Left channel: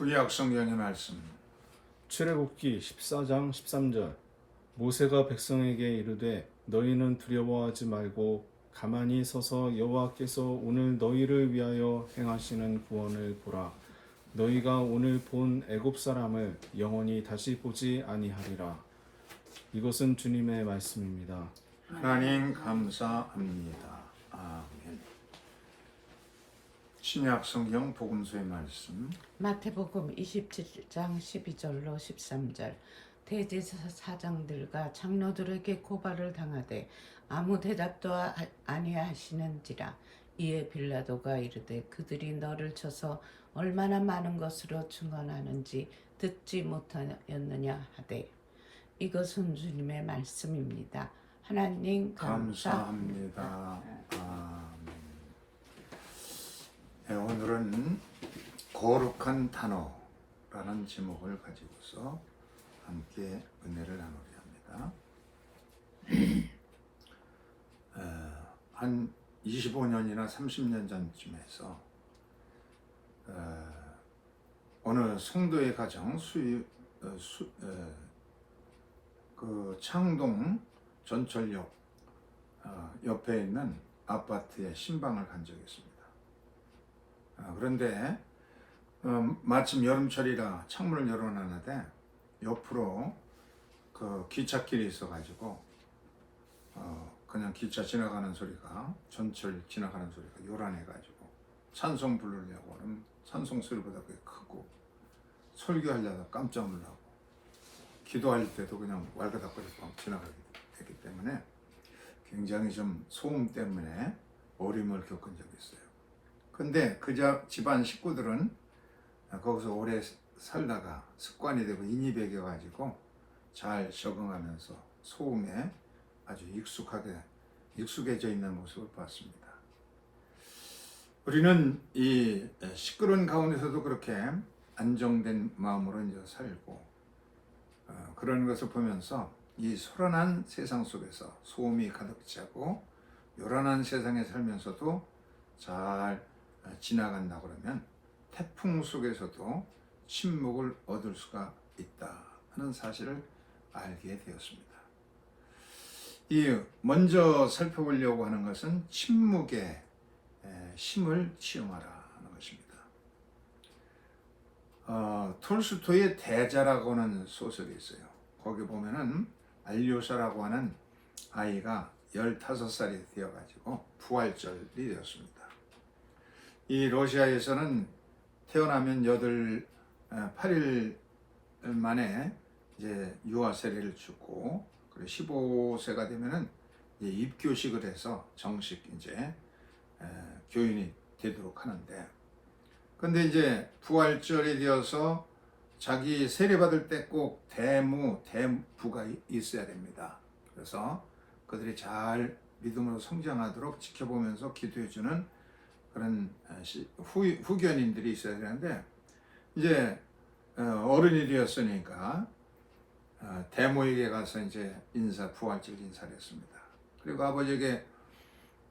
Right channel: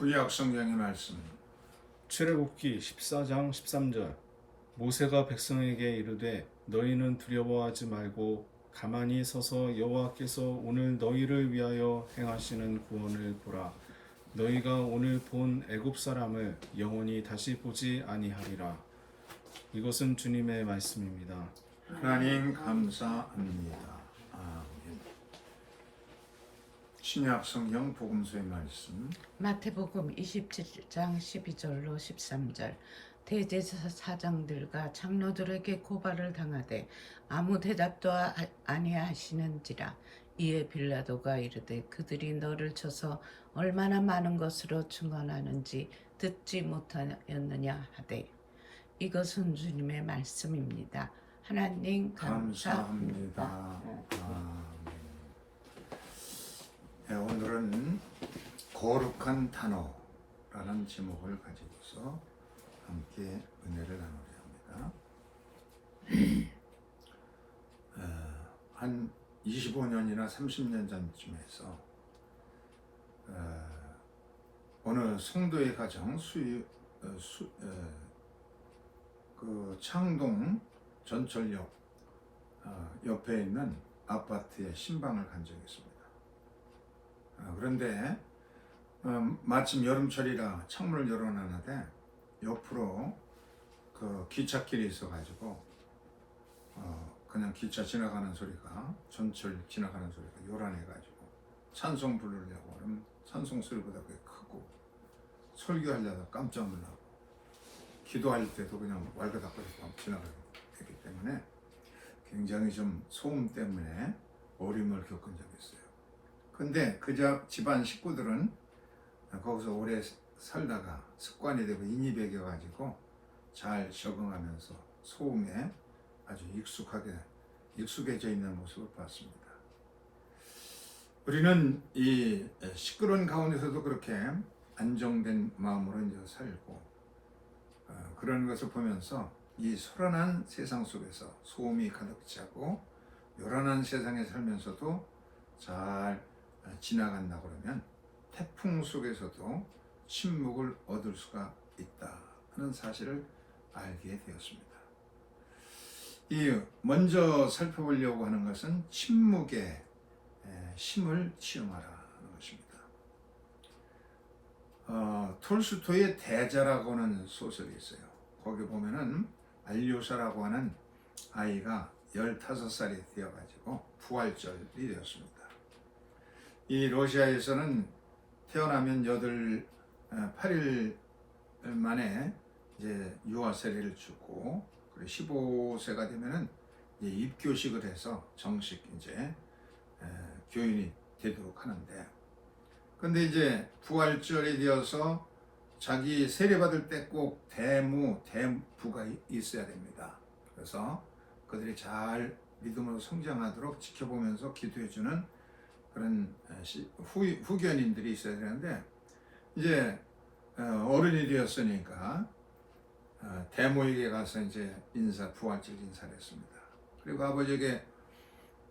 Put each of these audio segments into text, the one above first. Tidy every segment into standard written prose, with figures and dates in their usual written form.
구약 성경의 말씀. 출애굽기 14장 13절. 모세가 백성에게 이르되 너희는 두려워하지 말고 가만히 서서 여호와께서 오늘 너희를 위하여 행하시는 구원을 보라. 너희가 오늘 본 애굽 사람을 영원히 다시 보지 아니하리라. 이것은 주님의 말씀입니다. 하나님 감사합니다. 아멘. 신약 성경 복음서의 말씀. 마태복음 27장 12절로 13절. 대제사장들과 장로들에게 고발을 당하되 아무 대답도 아니하시는지라. 이에 빌라도가 이르되 그들이 너를 쳐서 얼마나 많은 것으로 증언하는지 듣지 못하였느냐 하되. 이것은 주님의 말씀입니다. 하나님 감사합니다. 아멘. 네, 오늘은 거룩한 단어라는 제목을 가지고서 함께 은혜를 나누려 합니다. 한 25년이나 30년 전쯤에서 어느 성도의 가정 그 창동 전철역 옆에 있는 아파트에 신방을 간 적이 있습니다. 그런데 마침 여름철이라 창문을 열어놨는데 옆으로 그 기찻길이 있어가지고 그냥 기차 지나가는 소리가, 전철 지나가는 소리가 요란해가지고 찬송 부르려고 하면 찬송 소리보다 꽤 크고, 설교하려다 깜짝 놀라고, 기도할 때도 그냥 왈가닥거리고 지나가게 됐기 때문에 굉장히 좀 소음 때문에 어려움을 겪은 적이 있어요. 근데 그 집안 식구들은 거기서 오래 살다가 습관이 되고 인이 배겨가지고 잘 적응하면서 소음에 아주 익숙해져 있는 모습을 봤습니다. 우리는 이 시끄러운 가운데서도 그렇게 안정된 마음으로 이제 살고, 그런 것을 보면서 이 소란한 세상 속에서 소음이 가득 차고 요란한 세상에 살면서도 잘 지나간다 그러면 태풍 속에서도 침묵을 얻을 수가 있다 하는 사실을 알게 되었습니다. 이 먼저 살펴보려고 하는 것은 침묵의 힘을 체험하라 하는 것입니다. 톨스토이의 대자라고 하는 소설이 있어요. 거기 보면은 알료사라고 하는 아이가 15살이 되어가지고 부활절이 되었습니다. 이 러시아에서는 태어나면 8일 만에 이제 유아 세례를 주고, 그리고 15세가 되면은 이제 입교식을 해서 정식 이제 교인이 되도록 하는데, 근데 이제 부활절이 되어서 자기 세례받을 때 꼭 대부가 있어야 됩니다. 그래서 그들이 잘 믿음으로 성장하도록 지켜보면서 기도해주는 그런 후견인들이 있어야 되는데, 이제 어른이 되었으니까 대모에게 가서 이제 부활절 인사를 했습니다. 그리고 아버지에게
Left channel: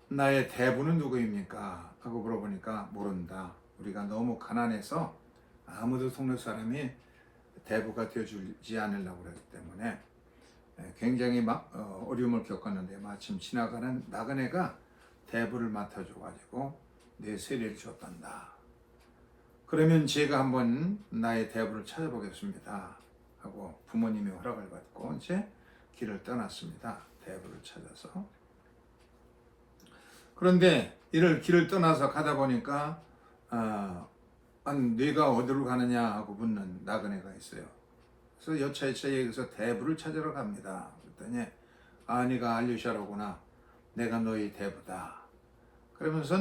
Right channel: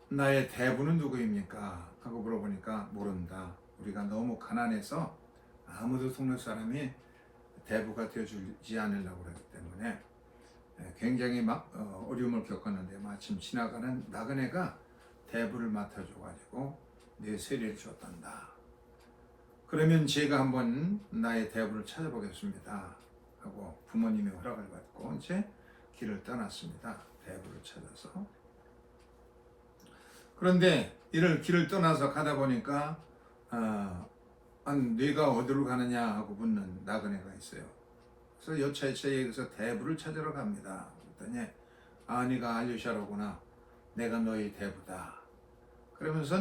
나의 대부는 누구입니까? 하고 물어보니까 모른다. 우리가 너무 가난해서 아무도 동네 사람이 대부가 되어주지 않으려고 그러기 때문에 굉장히 어려움을 겪었는데, 마침 지나가는 나그네가 대부를 맡아줘가지고 내 세례를 줬단다. 그러면 제가 한번 나의 대부를 찾아보겠습니다 하고 부모님의 허락을 받고 이제 길을 떠났습니다. 대부를 찾아서. 그런데 길을 떠나서 가다 보니까 네가 어디로 가느냐 하고 묻는 나그네가 있어요. 그래서 여차여차에 여기서 대부를 찾으러 갑니다. 그랬더니 네가 알류샤로구나. 내가 너희 대부다. 그러면서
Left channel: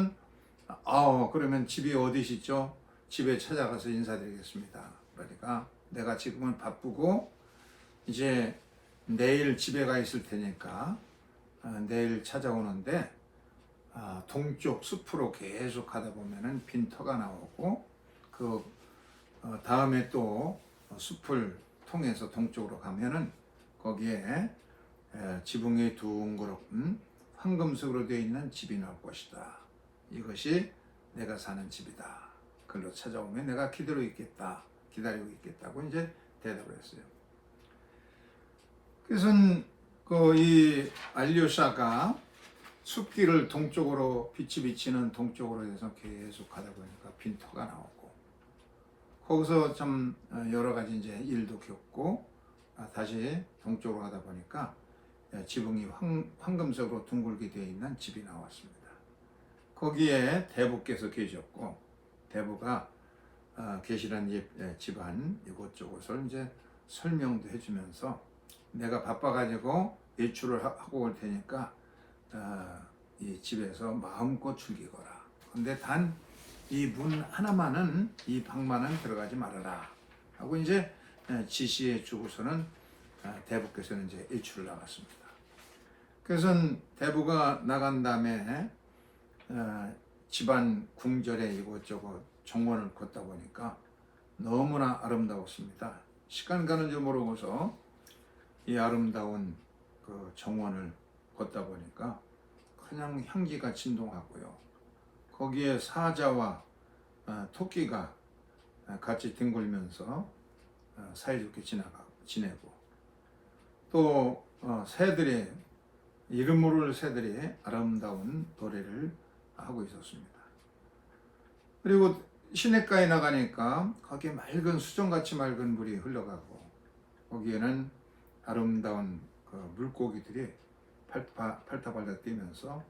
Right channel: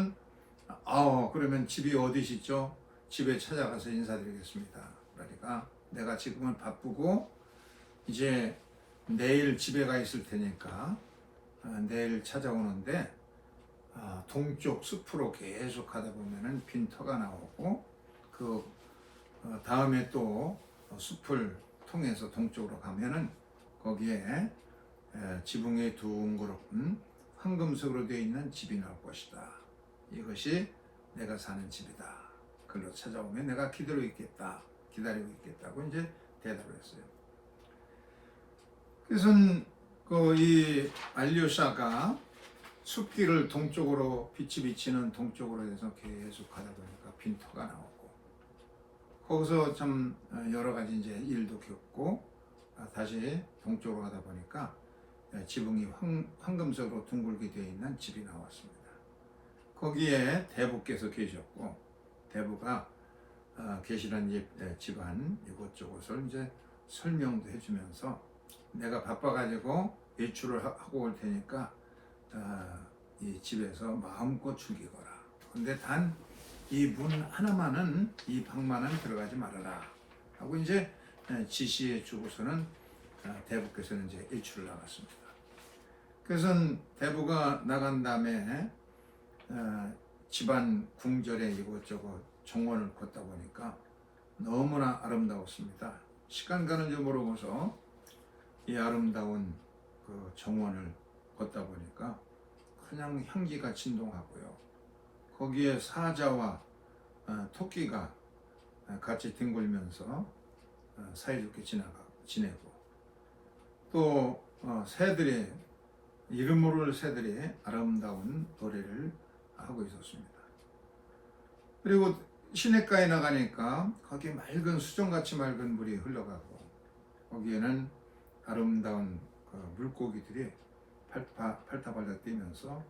그러면 집이 어디시죠? 집에 찾아가서 인사드리겠습니다. 그러니까 내가 지금은 바쁘고 이제 내일 집에 가 있을 테니까 내일 찾아오는데, 동쪽 숲으로 계속 가다 보면은 빈터가 나오고, 그 다음에 또 숲을 통해서 동쪽으로 가면은 거기에 지붕이 둥그렇은 황금색으로 되어 있는 집이 나올 것이다. 이것이 내가 사는 집이다. 글로 찾아오면 내가 기다려 있겠다 기다리고 있겠다고 이제 대답을 했어요. 그래서 이 알류샤가 숲길을 동쪽으로 빛이 비치는 동쪽으로 해서 계속 가다 보니까 빈터가 나오고 거기서 참 여러 가지 이제 일도 겪고 다시 동쪽으로 가다 보니까 지붕이 황금색으로 둥글게 되어 있는 집이 나왔습니다. 거기에 대부께서 계셨고 대부가 계시란 집안 이곳저곳을 이제 설명도 해주면서 내가 바빠가지고 외출을 하고 올 테니까 이 집에서 마음껏 즐기거라. 근데 단 이 문 하나만은 이 방만은 들어가지 말아라 하고 이제 지시해 주고서는 대부께서는 이제 외출을 나갔습니다. 그래서 대부가 나간 다음에 집안 궁전에 이곳저곳 정원을 걷다 보니까 너무나 아름다웠습니다. 시간 가는 줄 모르고서 이 아름다운 그 정원을 걷다 보니까 그냥 향기가 진동하고요. 거기에 사자와 토끼가 같이 뒹굴면서 사이좋게 지내고 또 새들이 이름 모를 새들이 아름다운 노래를 하고 있었습니다. 그리고 시냇가에 나가니까 거기에 맑은 수정같이 맑은 물이 흘러가고 거기에는 아름다운 그 물고기들이 팔타발타 뛰면서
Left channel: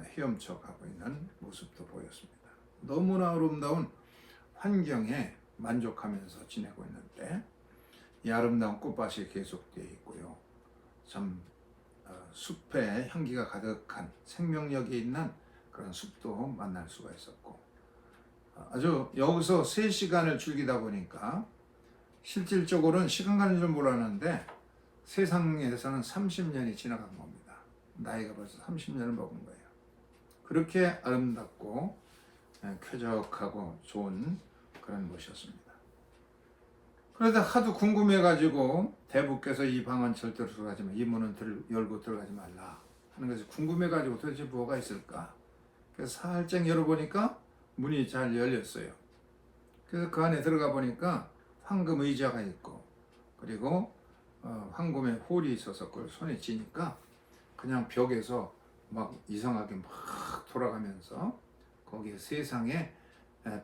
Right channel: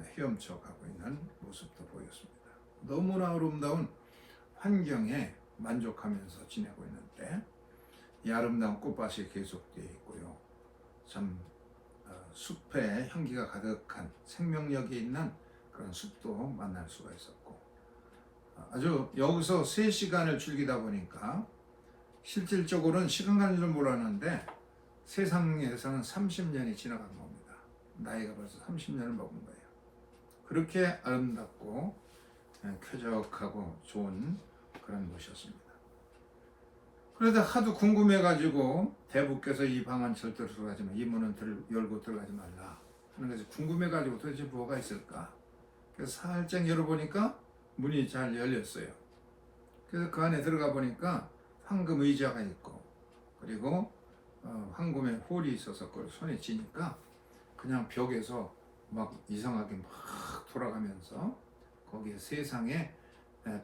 헤엄쳐 가고 있는 모습도 보였습니다. 너무나 아름다운 환경에 만족하면서 지내고 있는데 이 아름다운 꽃밭이 계속되어 있고요. 참 숲에 향기가 가득한 생명력이 있는 그런 숲도 만날 수가 있었고 아주 여기서 3시간을 즐기다 보니까 실질적으로는 시간 가는 줄 몰랐는데 세상에서는 30년이 지나간 겁니다. 나이가 벌써 30년을 먹은 거예요. 그렇게 아름답고 쾌적하고 좋은 그런 곳이었습니다. 그런데 하도 궁금해가지고 대부께서 이 방은 절대로 들어가지 마, 이 문은 열고 들어가지 말라 하는 것이 궁금해가지고 도대체 뭐가 있을까? 그래서 살짝 열어보니까 문이 잘 열렸어요. 그래서 그 안에 들어가 보니까 황금 의자가 있고 그리고 황금의 홀이 있어서 그걸 손에 쥐니까 그냥 벽에서 막 이상하게 막 돌아가면서 거기에 세상에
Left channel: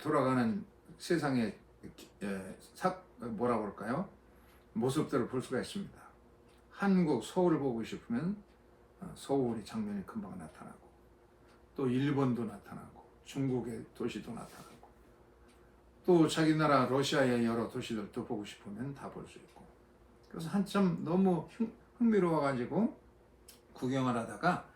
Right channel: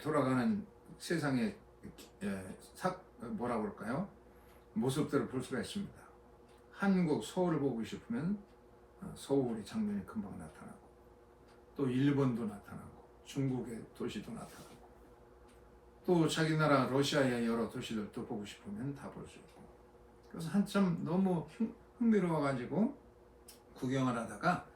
돌아가는 세상의 뭐라 그럴까요? 모습들을 볼 수가 있습니다. 한국 서울을 보고 싶으면 서울의 장면이 금방 나타나고 또 일본도 나타나고 중국의 도시도 나타나고 또 자기 나라 러시아의 여러 도시들도 보고 싶으면 다 볼 수 있고 그래서 한참 너무 흥미로워가지고 구경을 하다가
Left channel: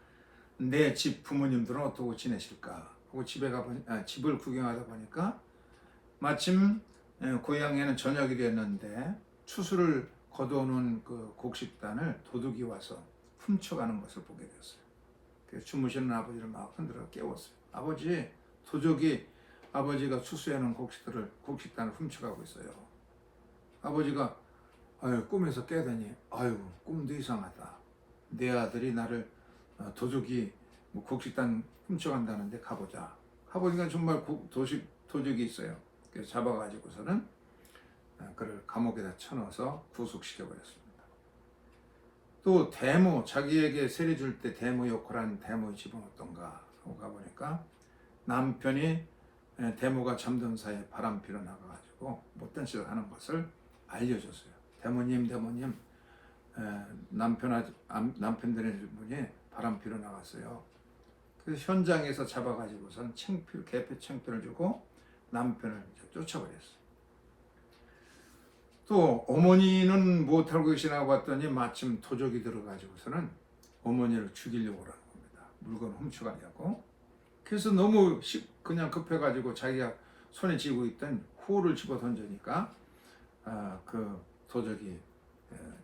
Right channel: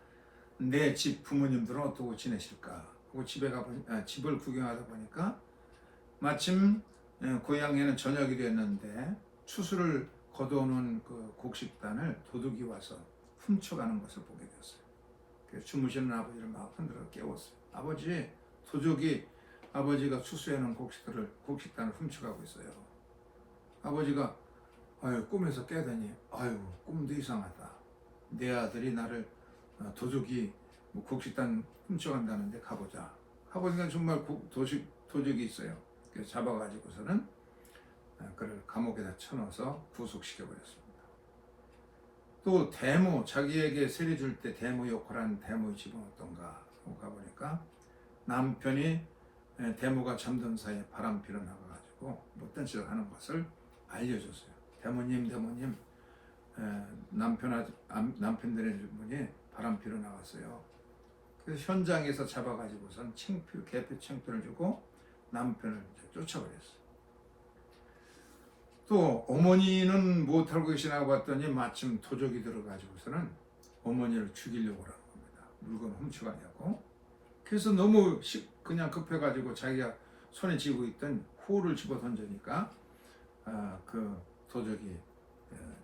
내 집 부모님들은 어떻게 지내실까 하고 집을 구경하다 보니까 마침 고향에는 저녁이 됐는데 추수를 거두는 그 곡식단을 도둑이 와서 훔쳐가는 것을 보게 됐어요. 그래서 주무시는 아버지를 막 흔들어 깨웠어요. 아버지, 도둑이 아버지가 추수해놓은 곡식단을 훔쳐가고 있어요. 아버지가 꿈에서 깨더니 꿈도 이상하다. 내 아들이 나를 도둑이 곡식단 훔쳐간다는데 가보자. 가보니까 정말 도둑이 있어요. 그래서 잡아가지고서는 그를 감옥에다 쳐넣어서 구속시켜버렸습니다. 또 대모, 자기에게 세례 줄 때 대모 역할한 대모의 집은 어떤가 하고 가보니까 남편이 대모가 잠든 사이에 바람피러 나가가지고 못된 짓을 하는 것을 알려줬어요. 대모님 남편들의 분이 바람피러 나갔어요. 그래서 현장에서 잡아가지고선 개표 창피를 주고 남편을 쫓아버렸어요. 또 어머니는 못 알고 계시나 봤더니 마침 도적이 들어가지고서는 어머니를 죽이려고 하는 겁니다. 물건 훔쳐가냐고. 그래서 너무 그냥 급해가지고 자기가 손에 쥐고 있던 후를 집어 던지니까 그 도적이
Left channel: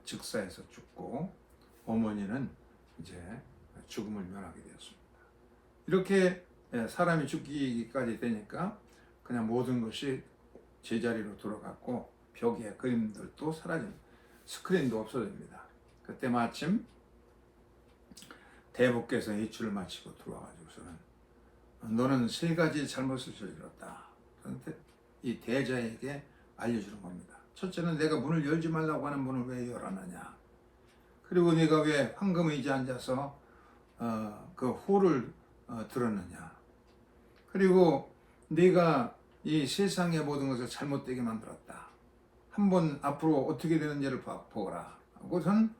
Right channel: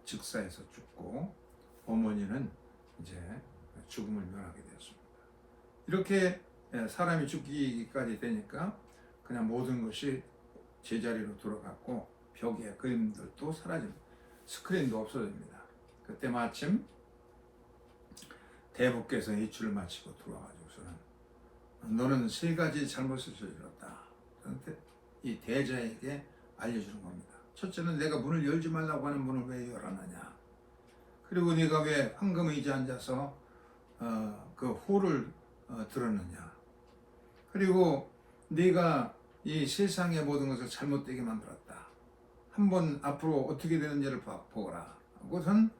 즉사해서 죽고 어머니는 이제 죽음을 면하게 되었습니다. 이렇게 사람이 죽기까지 되니까 그냥 모든 것이 제자리로 돌아갔고 벽에 그림들도 사라진 스크린도 없어집니다. 그때 마침 대부께서 이출을 마치고 들어와가지고서는 너는 3가지 잘못을 저질렀다. 그런데 이 대자에게 알려주는 겁니다. 첫째는 내가 문을 열지 말라고 하는 문을 왜 열어놨냐. 그리고 네가 왜 황금의자에 앉아서 그 호를 들었느냐. 그리고 네가 이 세상의 모든 것을 잘못되게 만들었다. 한번 앞으로 어떻게 되는지를 보거라. 그것은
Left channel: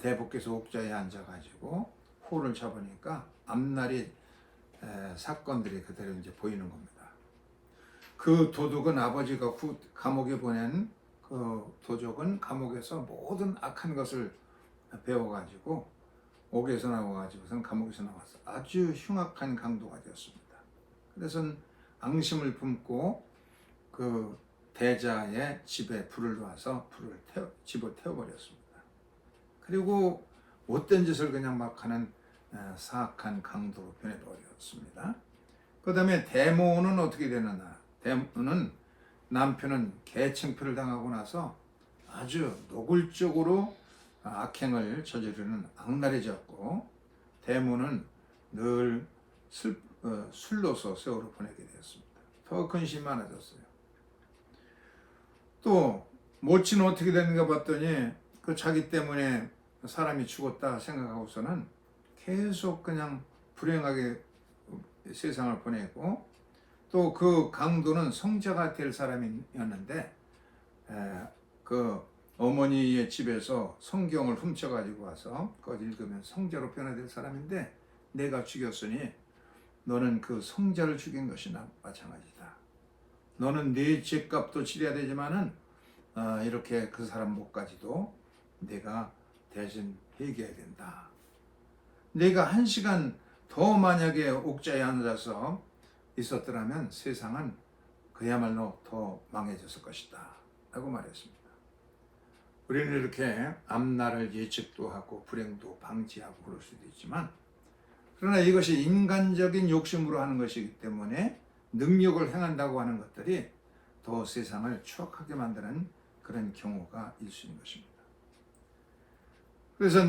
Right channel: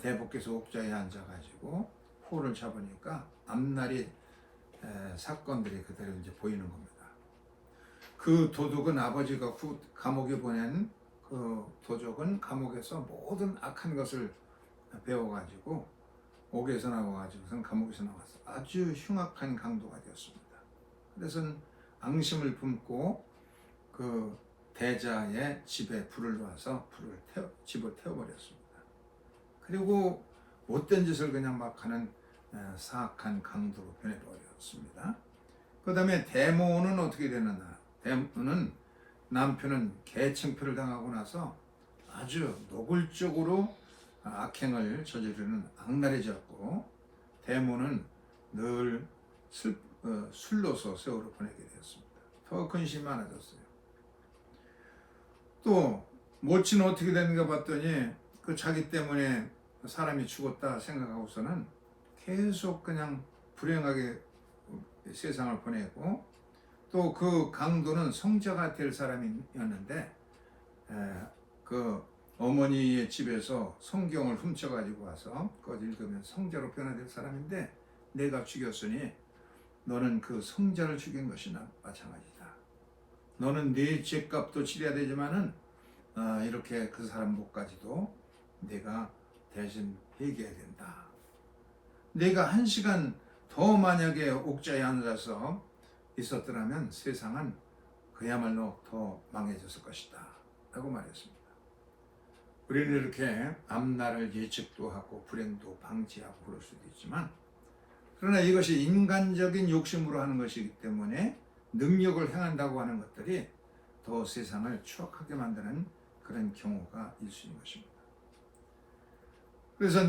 대복께서 옥좌에 앉아가지고 호를 잡으니까 앞날이 사건들이 그대로 이제 보이는 겁니다. 그 도둑은 아버지가 감옥에 보낸 그 도적은 감옥에서 모든 악한 것을 배워가지고 옥에서 나와가지고선 감옥에서 나와서 아주 흉악한 강도가 되었습니다. 그래서 앙심을 품고 그 대자의 집에 불을 놔서 집을 태워버렸습니다. 그리고 못된 짓을 그냥 막 하는 사악한 강도로 변해버렸습니다. 그 다음에 데모는 어떻게 되느냐. 데모는 남편은 개칭표를 당하고 나서 아주 노골적으로 악행을 저지르는 악랄해졌고, 데모는 늘 술로서 세월을 보내게 되었습니다. 더 근심이 많아졌어요. 또 모친은 어떻게 되는가 봤더니 그 자기 때문에 사람이 죽었다 생각하고서는 계속 그냥 불행하게 세상을 보내고, 또 그 강도는 성자가 될 사람이었는데 그 어머니의 집에서 성경을 훔쳐가지고 와서 그걸 읽으면 성자로 변화될 사람인데, 내가 죽였으니 너는 그 성자를 죽인 것이나 마찬가지다. 너는 네 죄값도 치러야 되지만은 이렇게 그 사람 목까지도 내가 대신 회개해야 된다. 내가 1시간 더 만약에 옥자에 앉아서 있었더라면 세상은 그야말로 더 망해졌을 것이다 라고 말했습니다. 우리는 이렇게 앞날을 예측도 하고 불행도 방지하고 그럴 수도 있지만, 그러나 이것이 인간적인 욕심으로 하는 것이기 때문에 능력을 행한다고 하는 것들이 더 세상을 추악하게 만드는 그런 경우가 있을 수 있는 것입니다. 그래서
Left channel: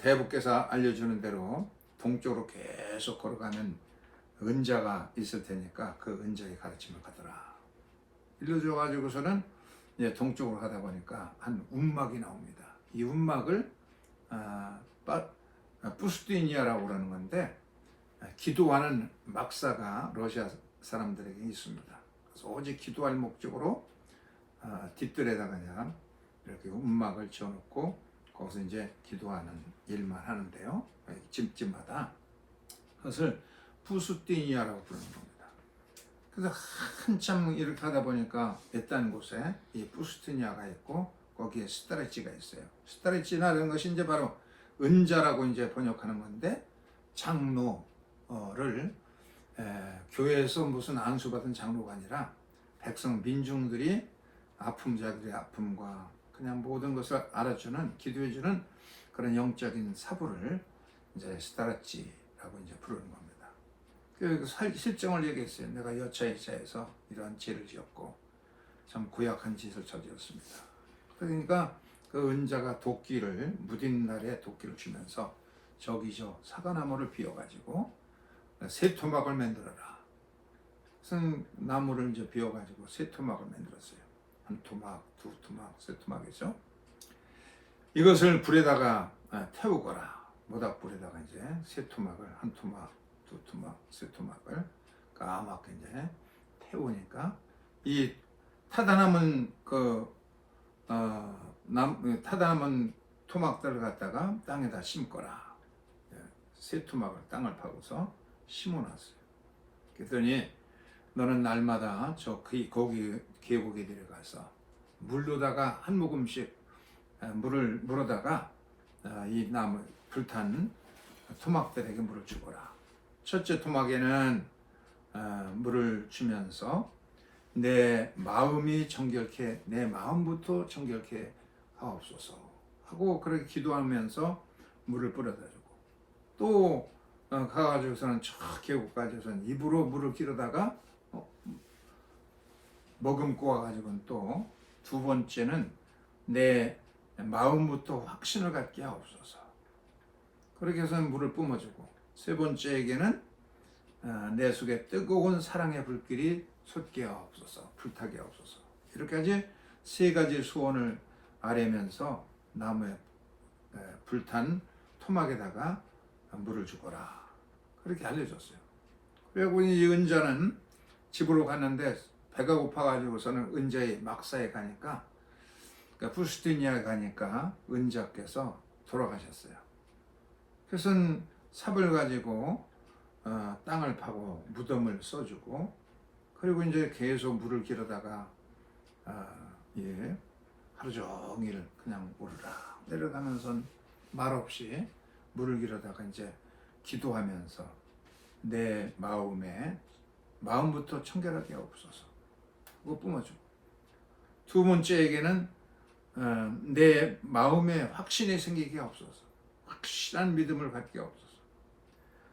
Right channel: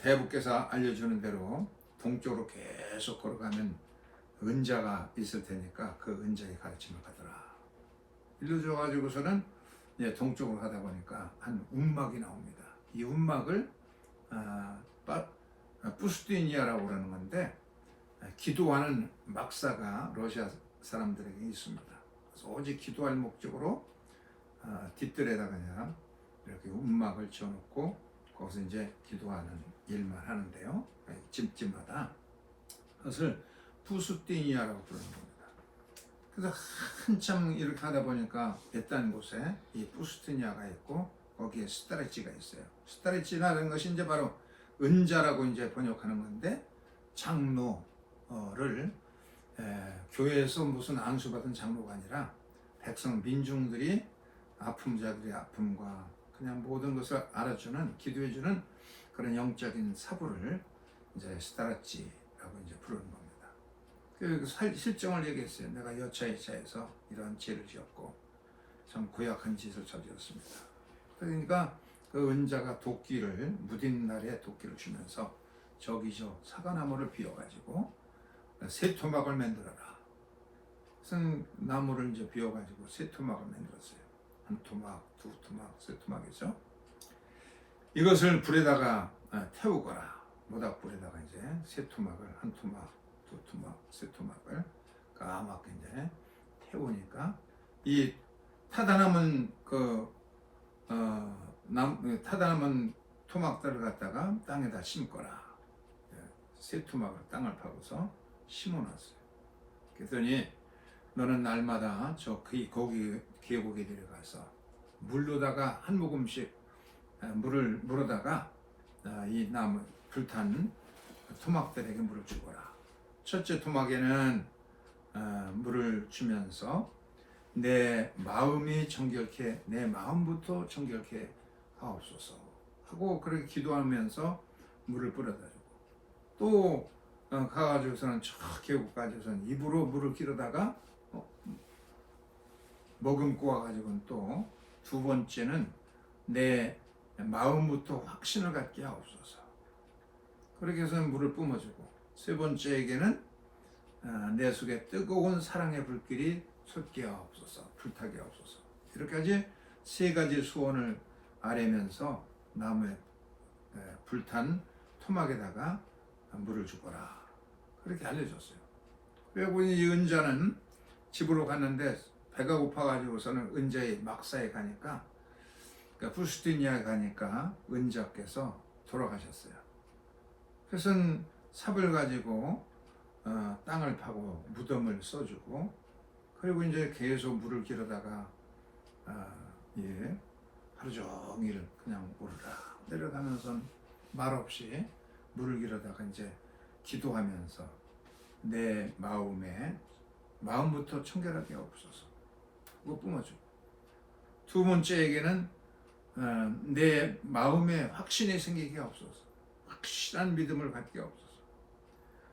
대부께서 알려주는 대로 동쪽으로 계속 걸어가면 은자가 있을 테니까 그 은자의 가르침을 받으라. 일러줘가지고서는 동쪽으로 가다 보니까 한 움막이 나옵니다. 이 움막을 부스티니아라고 그러는 건데, 기도하는 막사가 러시아 사람들에게 있습니다. 그래서 오직 기도할 목적으로 뒷뜰에다가 그냥 이렇게 움막을 지어놓고 거기서 이제 기도하는 일만 하는데요. 집집마다 그것을 부스티니아라고 부르는 겁니다. 그래서 한참 이렇게 하다 보니까 외딴 곳에 이 부스티니아가 있고 거기에 스타레치가 있어요. 스타레치라는 것이 이제 바로 은자라고 이제 번역하는 건데, 장로를 교회에서 무슨 안수받은 장로가 아니라 백성 민중들이 아픔자들의 아픔과 그냥 모든 것을 알아주는, 기도해주는 그런 영적인 사부를 이제 스타라치라고 이제 부르는 겁니다. 그 실정을 얘기했어요. 내가 여차여차해서 이러한 죄를 지었고 참 고약한 짓을 저질렀습니다. 그러니까 그 은자가 도끼를, 무딘 날에 도끼를 주면서 저기 사과나무를 비워가지고 세 토막을 만들어라. 그래서 나무를 이제 비워가지고 세 토막을 만들었어요. 한 토막, 두 토막, 세 토막이죠. 이것을 불에다가 태우거라. 모닥불에다가 이제 세 토막을, 한 토막, 두 토막, 세 토막을 까맣게 이제 태우니까 이 타다남은 타다남은 토막들을 갖다가 땅에다 심거라. 세 토막을 땅을 파고서 심어놨어요. 그랬더니 너는 날마다 거기 계곡에 내려가서 물로다가 한 모금씩 물을 물어다가 이 나무 불탄 토막들에게 물을 주거라. 첫째 토막에는 물을 주면서 내 마음이 정결케, 내 마음부터 정결케 하옵소서 하고 그렇게 기도하면서 물을 뿌려다 주고, 또 가가지고서는 저 계곡까지서는 입으로 물을 기르다가 머금고 와가지고는 또 두 번째는 내 마음부터 확신을 갖게 하옵소서. 그렇게 해서 물을 뿜어주고, 세 번째에게는 내 속에 뜨거운 사랑의 불길이 솟게 하옵소서, 불타게 하옵소서. 이렇게까지 세 가지 소원을 아뢰면서 나무에 불탄 토막에다가 물을 주거라, 그렇게 알려줬어요. 그리고 이 은자는 집으로 갔는데 배가 고파가지고서는 은자의 막사에 가니까, 그러니까 부스티니아에 가니까 은자께서 돌아가셨어요. 그래서 삽을 가지고 땅을 파고 무덤을 써주고, 그리고 이제 계속 물을 기르다가 하루 종일 그냥 오르락 내려가면서 말없이 물을 기르다가 이제 기도하면서 내 마음부터 청결하게 하옵소서, 그거 뿜어주고, 두 번째에게는 내 마음에 확신이 생기게 하옵소서, 확실한 믿음을 갖게 하옵소서.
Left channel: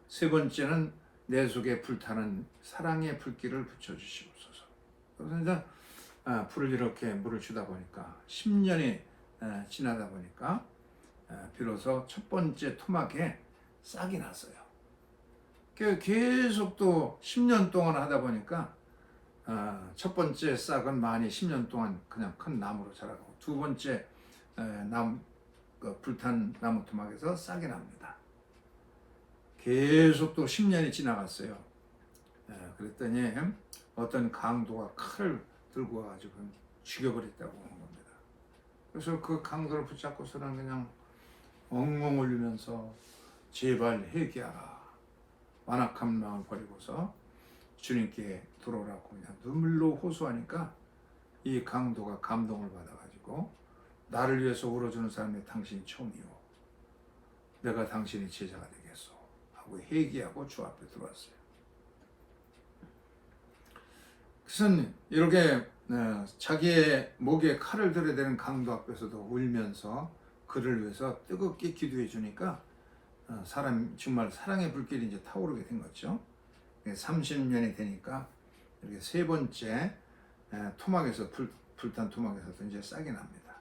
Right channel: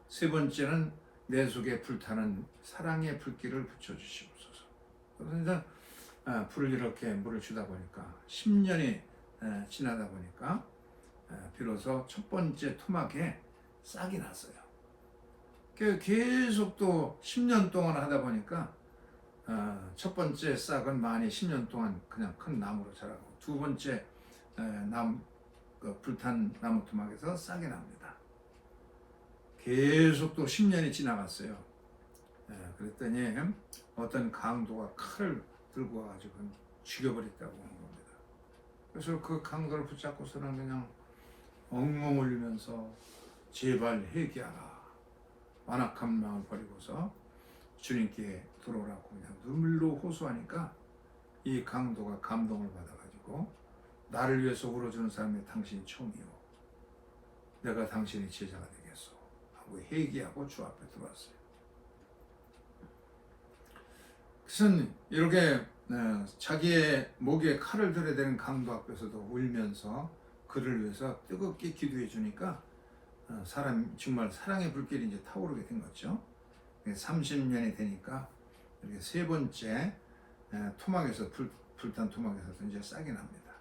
세 번째는 내 속에 불타는 사랑의 불길을 붙여주시옵소서. 그래서 이제 불을 이렇게 물을 주다 보니까 10년이 지나다 보니까 비로소 첫 번째 토막에 싹이 났어요. 계속 또 10년 동안 하다 보니까 첫 번째 싹은 많이 10년 동안 그냥 큰 나무로 자라고, 두 번째 불탄 나무 토막에서 싹이 납니다. 계속 또 10년이 지나갔어요. 그랬더니 어떤 강도가 칼을 들고 와가지고 죽여버렸다고 하는 겁니다. 그래서 그 강도를 붙잡고서는 그냥 엉엉 울면서 제발 회개하라, 완악한 마음을 버리고서 주님께 돌아오라고 그냥 눈물로 호소하니까 이 강도가 감동을 받아가지고, 나를 위해서 울어주는 사람이 당신이 처음이요, 내가 당신의 제자가 되겠소 하고 회개하고 주 앞에 들어왔어요. 그래서 이렇게 자기의 목에 칼을 들여야 되는 강도 앞에서도 울면서 그를 위해서 뜨겁게 기도해 주니까 정말 사랑의 불길이 이제 타오르게 된 거죠. 30년이 되니까 이렇게 세 번째 토막에서 불탄 토막에서도 이제 싹이 납니다.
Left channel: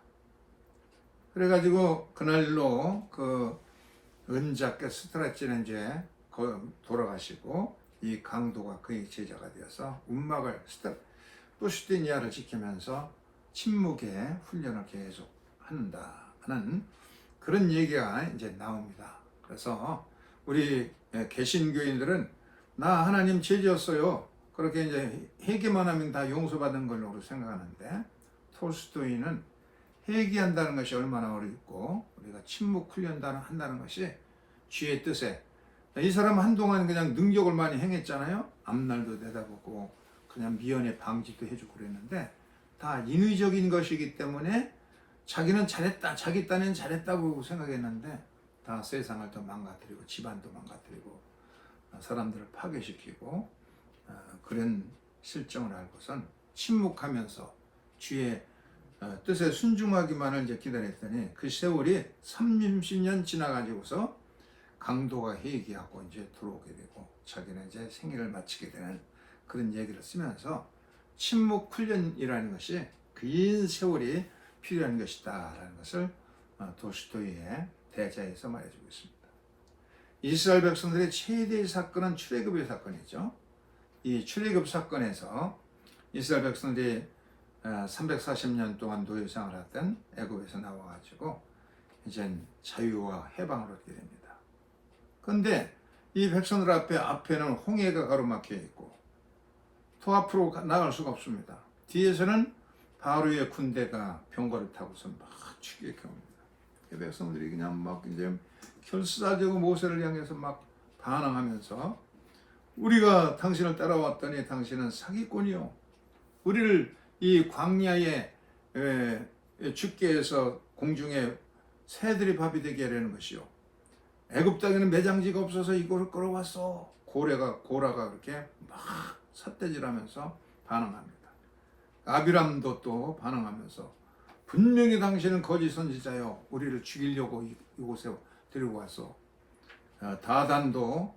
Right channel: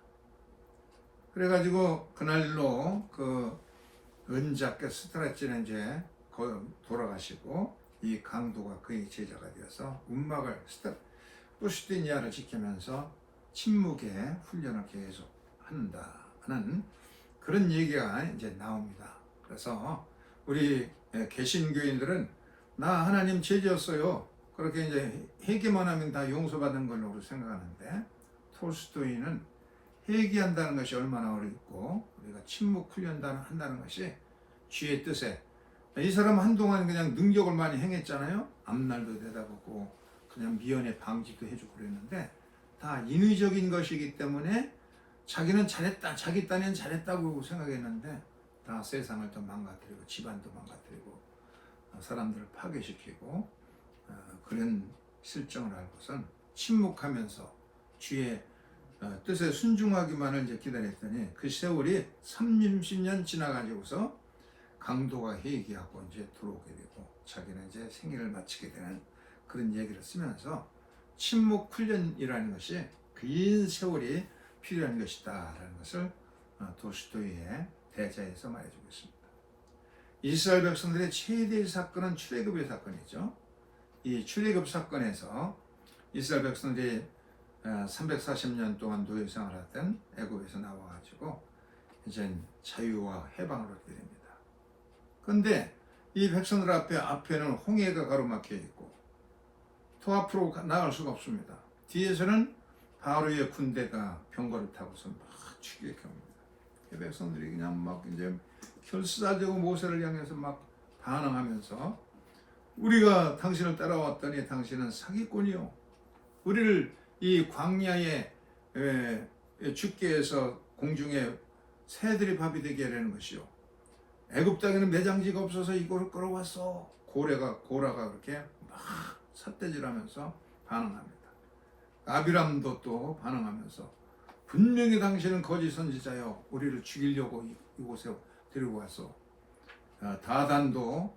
그래가지고 그날로 그 은자께 스트라치는 이제 돌아가시고, 이 강도가 그의 제자가 되어서 운막을 부스티니아를 지키면서 침묵의 훈련을 계속 한다는 그런 얘기가 이제 나옵니다. 그래서 우리 개신교인들은 나 하나님 제자였어요, 그렇게 이제 회개만 하면 다 용서받는 걸로 생각하는데, 톨스토이는 회개한다는 것이 얼마나 어렵고 우리가 침묵 훈련한다는 것이 주의 뜻에, 이 사람은 한동안 그냥 능력을 많이 행했잖아요. 앞날도 내다보고 그냥 미연에 방지도 해주고 그랬는데, 다 인위적인 것이기 때문에 자기는 잘했다, 자기 딴에는 잘했다고 생각했는데 다 세상을 더 망가뜨리고 집안도 망가뜨리고 사람들을 파괴시키고 그런 실정을 알고선 침묵하면서 주의 뜻에 순종하기만을 이제 기다렸더니, 그 세월이 30년 지나가지고서 강도가 회개하고 이제 들어오게 되고 자기는 이제 생애를 마치게 되는 그런 얘기를 쓰면서 침묵 훈련이라는 것이 긴 세월이 필요한 것이다 라는 것을 도스토이의 대자에서 말해주고 있습니다. 이스라엘 백성들의 최대의 사건은 출애굽의 사건이죠. 이 출애굽 사건에서 이스라엘 백성들이 340년 동안 노예 생활을 했던 애굽에서 나와가지고 이제 자유와 해방을 얻게 됩니다. 그런데 이 백성들 앞에는 홍해가 가로막혀 있고 더 앞으로 나갈 수가 없습니다. 뒤에서는 바로의 군대가 병거를 타고서 막 죽이게 옵니다. 백성들이 그냥 막 이제 결사되고 모세를 향해서 막 반항하면서, 우리가 당신을 따라왔더니 당신은 사기꾼이요, 우리를 이 광야에 죽게 해서 공중에 새들이 밥이 되게 하려는 것이요, 애굽 땅에는 매장지가 없어서 이거를 끌어왔어. 고라가 그렇게 막 삿대질하면서 반항합니다. 아비람도 또 반항하면서, 분명히 당신은 거짓 선지자요, 우리를 죽이려고 이곳에 데리고 왔어. 다단도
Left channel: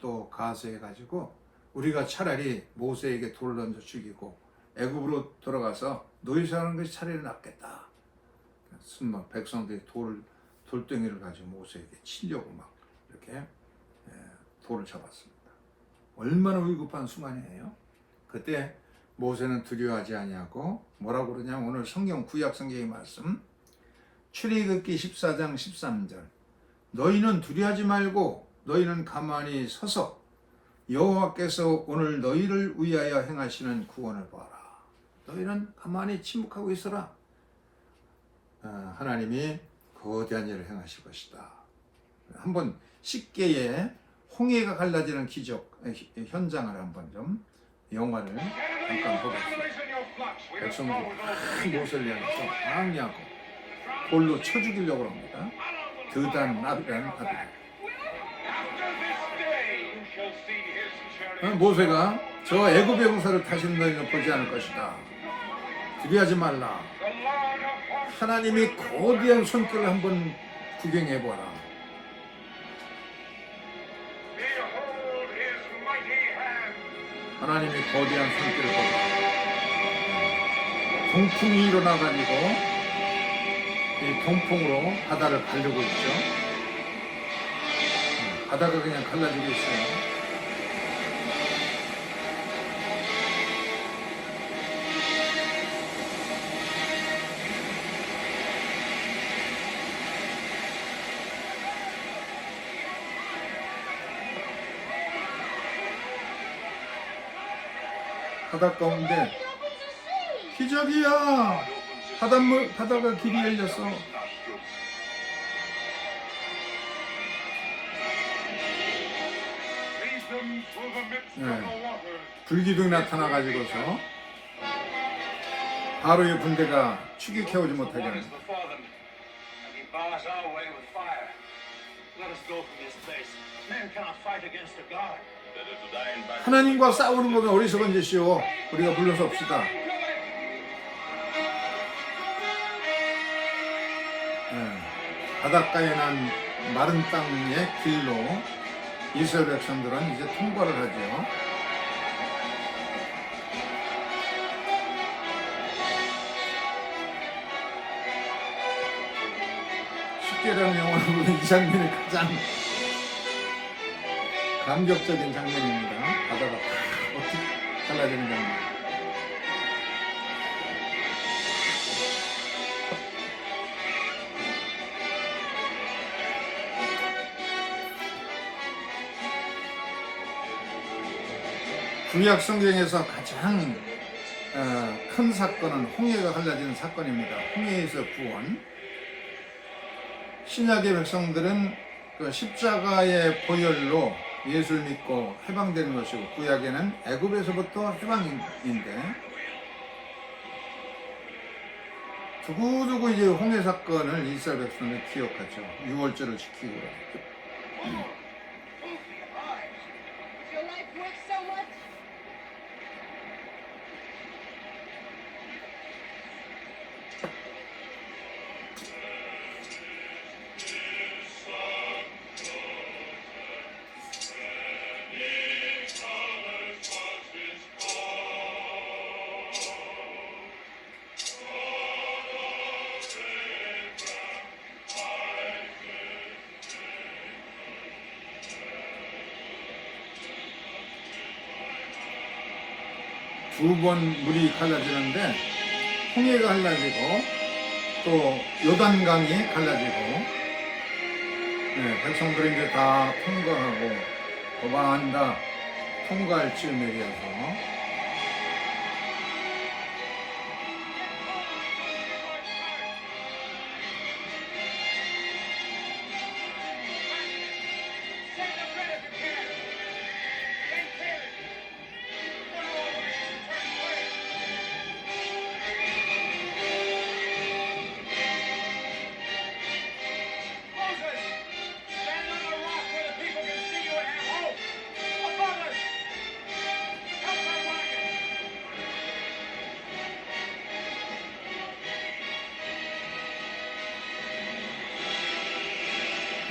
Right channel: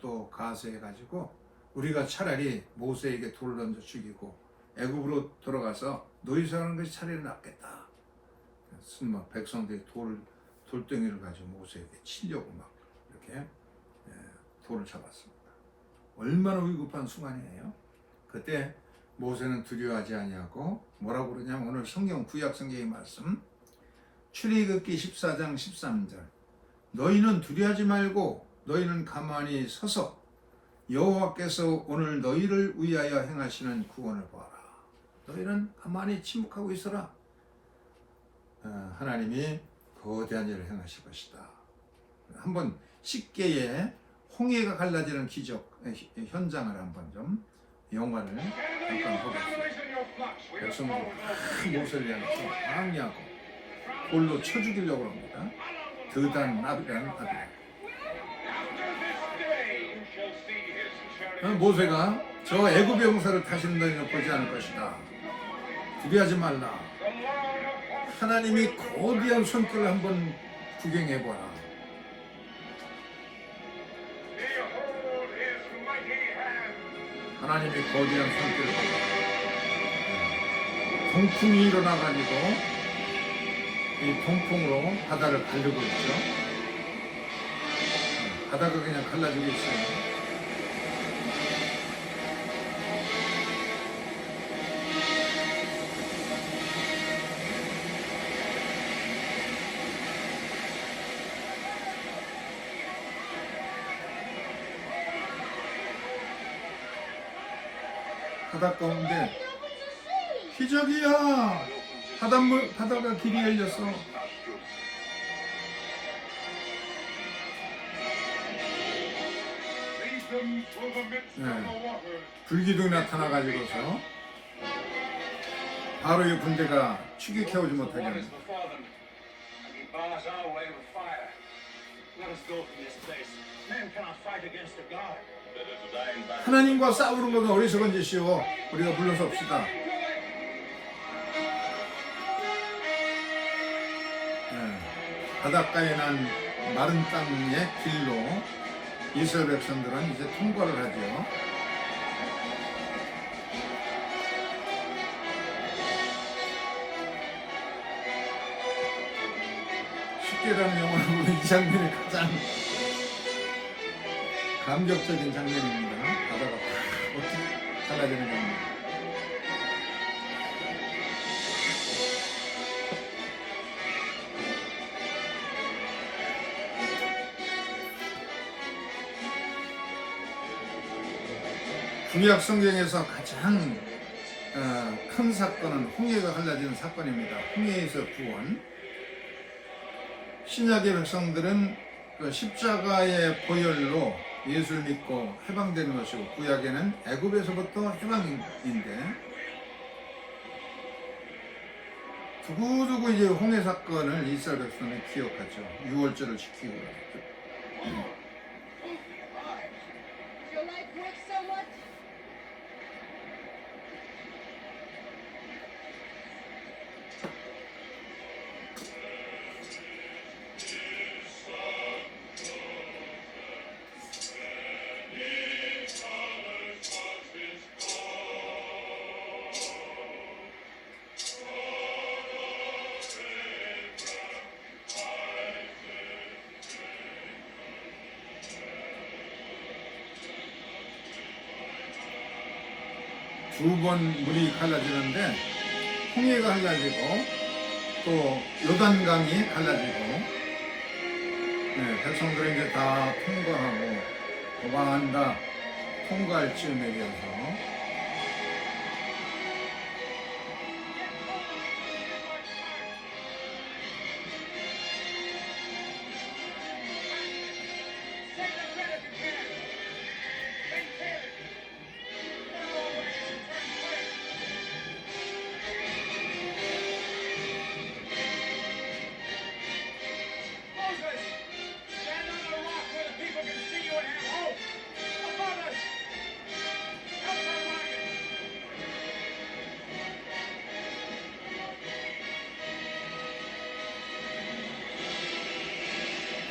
또 가세해가지고 우리가 차라리 모세에게 돌을 던져 죽이고 애굽으로 돌아가서 노예사하는 것이 차라리 낫겠다. 그래서 백성들이 돌덩이를 가지고 모세에게 치려고 막 이렇게 돌을 잡았습니다. 얼마나 위급한 순간이에요. 그때 모세는 두려워하지 아니하고 뭐라고 그러냐면 오늘 성경 구약 성경의 말씀 출애굽기 14장 13절 너희는 두려워하지 말고 너희는 가만히 서서 여호와께서 오늘 너희를 위하여 행하시는 구원을 봐라. 너희는 가만히 침묵하고 있어라. 하나님이 거대한 일을 행하실 것이다. 한번 쉽게의 홍해가 갈라지는 기적 현장을 한번 좀 영화를 잠깐 보겠습니다. 백성들이 모세를 향해서 항의하고 돌로 쳐 죽이려고 합니다. 드단 나비란 나비. 모세가 저 애굽의 용사를 다시는 너희는 보지 않을 것이다. 두려워하지 말라. 하나님이 거대한 손길을 한번 구경해보라. 하나님이 거대한 손길을 보라. 동풍이 일어나가지고 이 동풍으로 바다를 갈리고 있죠. 바다가 그냥 갈라지고 있어요. 바다 가운데 기적이야. 바다가 길이 열렸어. 불기둥이 나타나가지고서 바로의 군대가 추격해오지 못하게. 하나님과 싸우는 거면 어리석은 짓이요. 우리가 물러섭시다. 바닷가에 난 마른 땅의 길로 이스라엘 백성들은 이제 통과를 하죠. 쉽게라는 영화는 이 장면이 가장 감격적인 장면입니다. 바다가 어떻게 달라지는 장면. 구약 성경에서 가장 큰 사건은 홍해가 갈라지는 사건입니다. 홍해에서 구원. 신약의 백성들은 그 십자가의 보혈로 예수를 믿고 해방되는 것이고 구약에는 애굽에서부터 해방인데 두고두고 이제 홍해 사건을 이스라엘 백성은 기억하죠. 6월절을 지키고 두 번 물이 갈라지는데 홍해가 갈라지고 또 요단강이 갈라지고 백성들은 이제 다 통과하고 도망한다 통과할 즈음에 대해서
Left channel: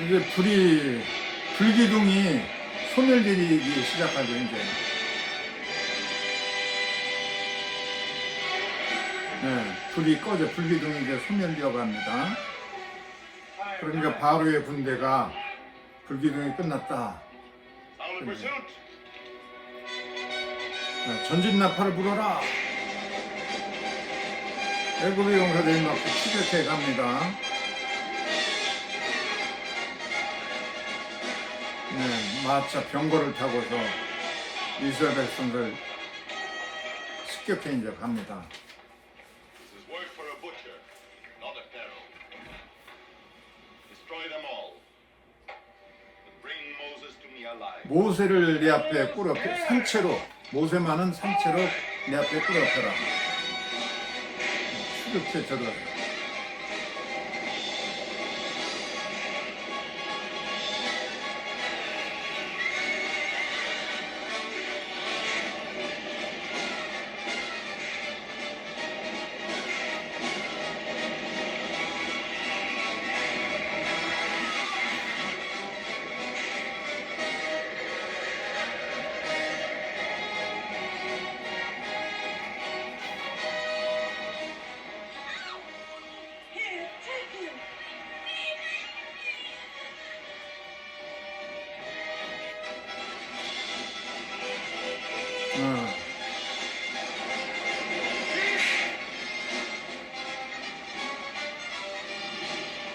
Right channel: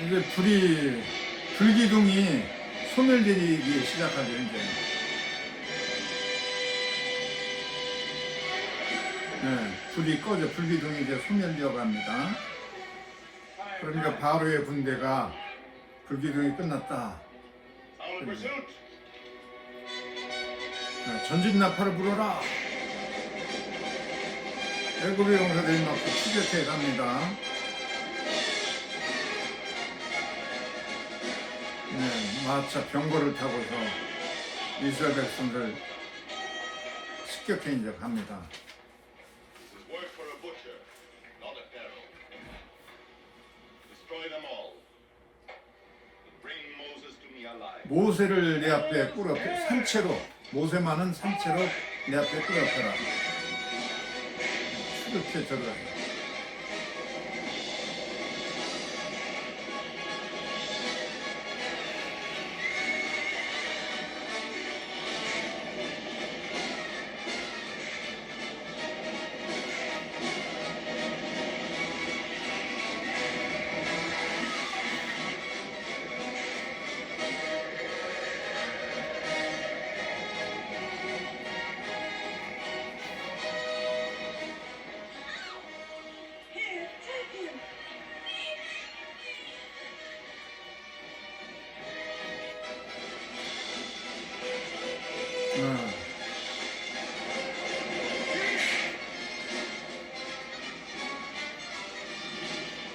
이제 불기둥이 소멸되기 시작하죠, 이제. 불이 꺼져, 불기둥이 이제 소멸되려고 합니다. 그러니까 바로의 군대가 불기둥이 끝났다. 전진 나팔을 불어라. 애굽의 용사들이 막 추격해 갑니다. 마차 병거를 타고서 이스라엘 백성들 습격해 이제 갑니다. This is word for a butcher, not a pharaoh. Destroy them all. But bring Moses to me alive. 모세를 내 앞에 꾸려 산채로 모세만은 산채로 내 앞에 꾸려펴라. 추격해 저들. Here, take him.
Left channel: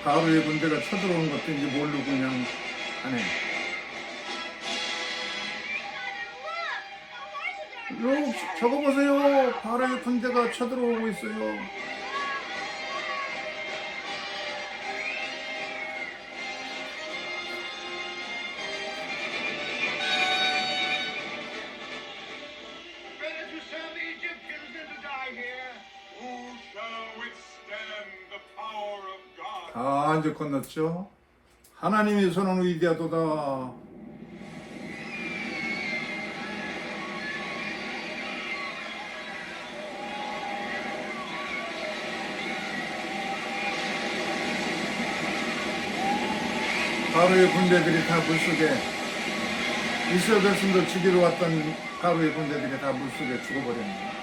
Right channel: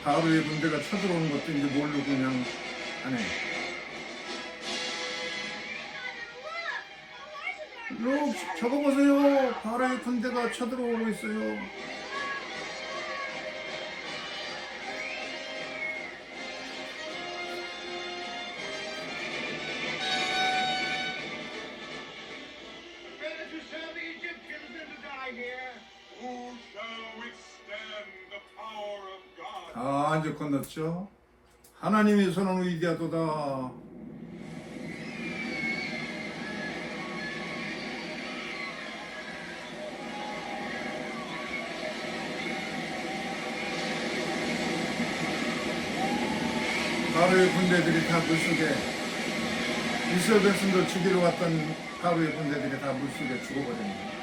바로의 군대가 쳐들어오는 것도 이제 모르고 그냥 하네. 요 저거 보세요. 바로의 군대가 쳐들어오고 있어요. Better to sell the Egyptians than to die here. Who shall withstand the power of God? 다 이제 건넜죠. 하나님의 손은 위대하도다. 바로의 군대들이 다 물속에 이스라엘 백성들 죽이러 왔던 바로의 군대들이 다 물속에 죽어버립니다.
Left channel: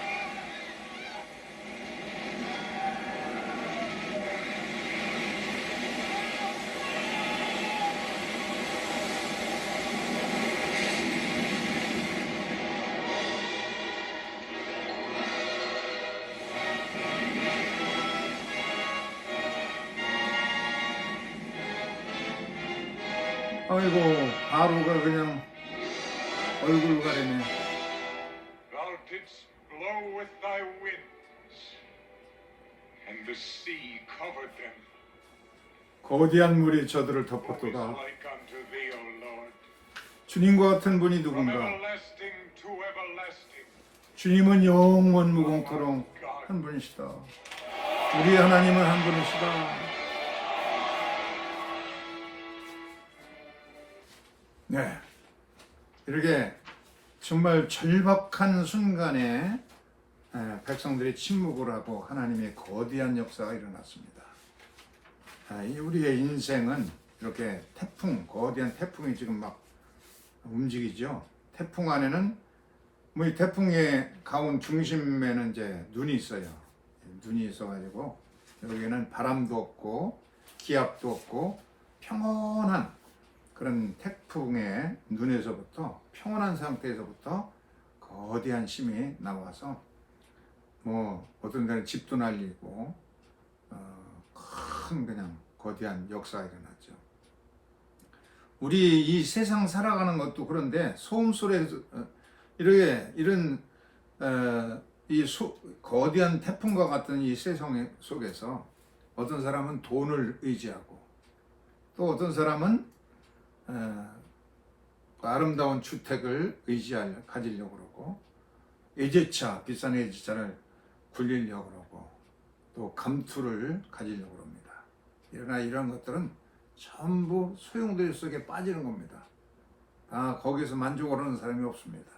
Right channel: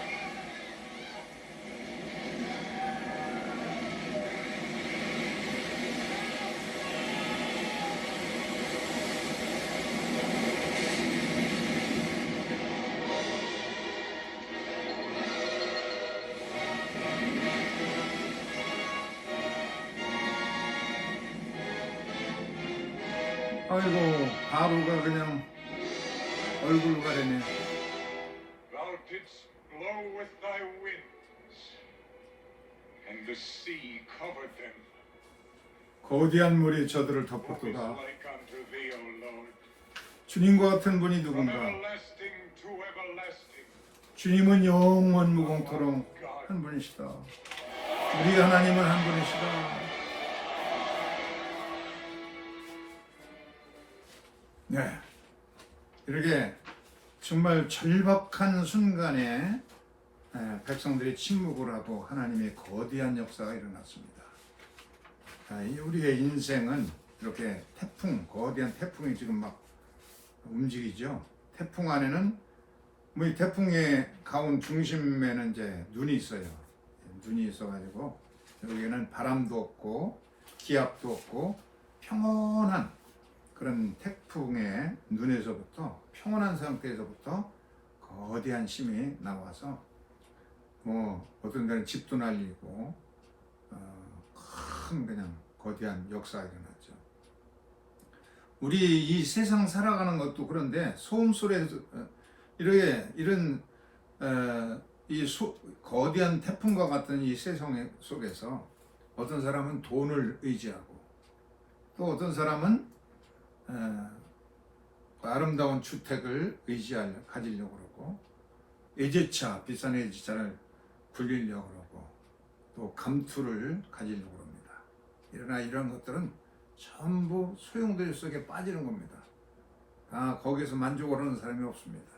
아이고 바로가 그냥 얼굴 가리네. Thou didst blow with thy winds, and the sea covered them. 거대한 물이 저들을 Who is 덮었도다. like unto thee, O Lord? 주님과 같은 분이 From 누군가. everlasting to everlasting. 주님은 영원 무궁토록 한 분이시다. 우리 하나님은 한 분이시다. 네, 이렇게 정말 절박한 순간에 백성들이 침묵을 하고 하나님의 거대한 역사가 일어났습니다. 우리의 인생은 이렇게 태풍, 거대한 태풍이 지금 막 움직이죠. 태풍 안에는 뭐 이 태풍의 가운 중심에는 이제 눈이 있어요. 눈이 있어가지고 여기는 바람도 없고 기압도 없고 평온한 그런 태풍의 눈에서부터 평온한 상태에서부터 거대한 힘이 나와서 뭐 어떤 데는 집도 날리고 큰 그냥 거대한 역사가 일어났죠. 우리 이 세상 살아가는 것도 그런데 소음 소리에서 이런 거대한 태풍과 같은 이 세상 속에서 어떤 사람은 돈을 의지하고 또 어떤 사람은 아름다운 주택을 가지려고 그러고 외제차, 비싼 외제차를 불리려고 그러고 또 감투를 가지려고 합니다. 그러나 이런 것들은 전부 소용돌이 속에 빠지는 겁니다. 거기서 만족을 하는 사람이 없습니다.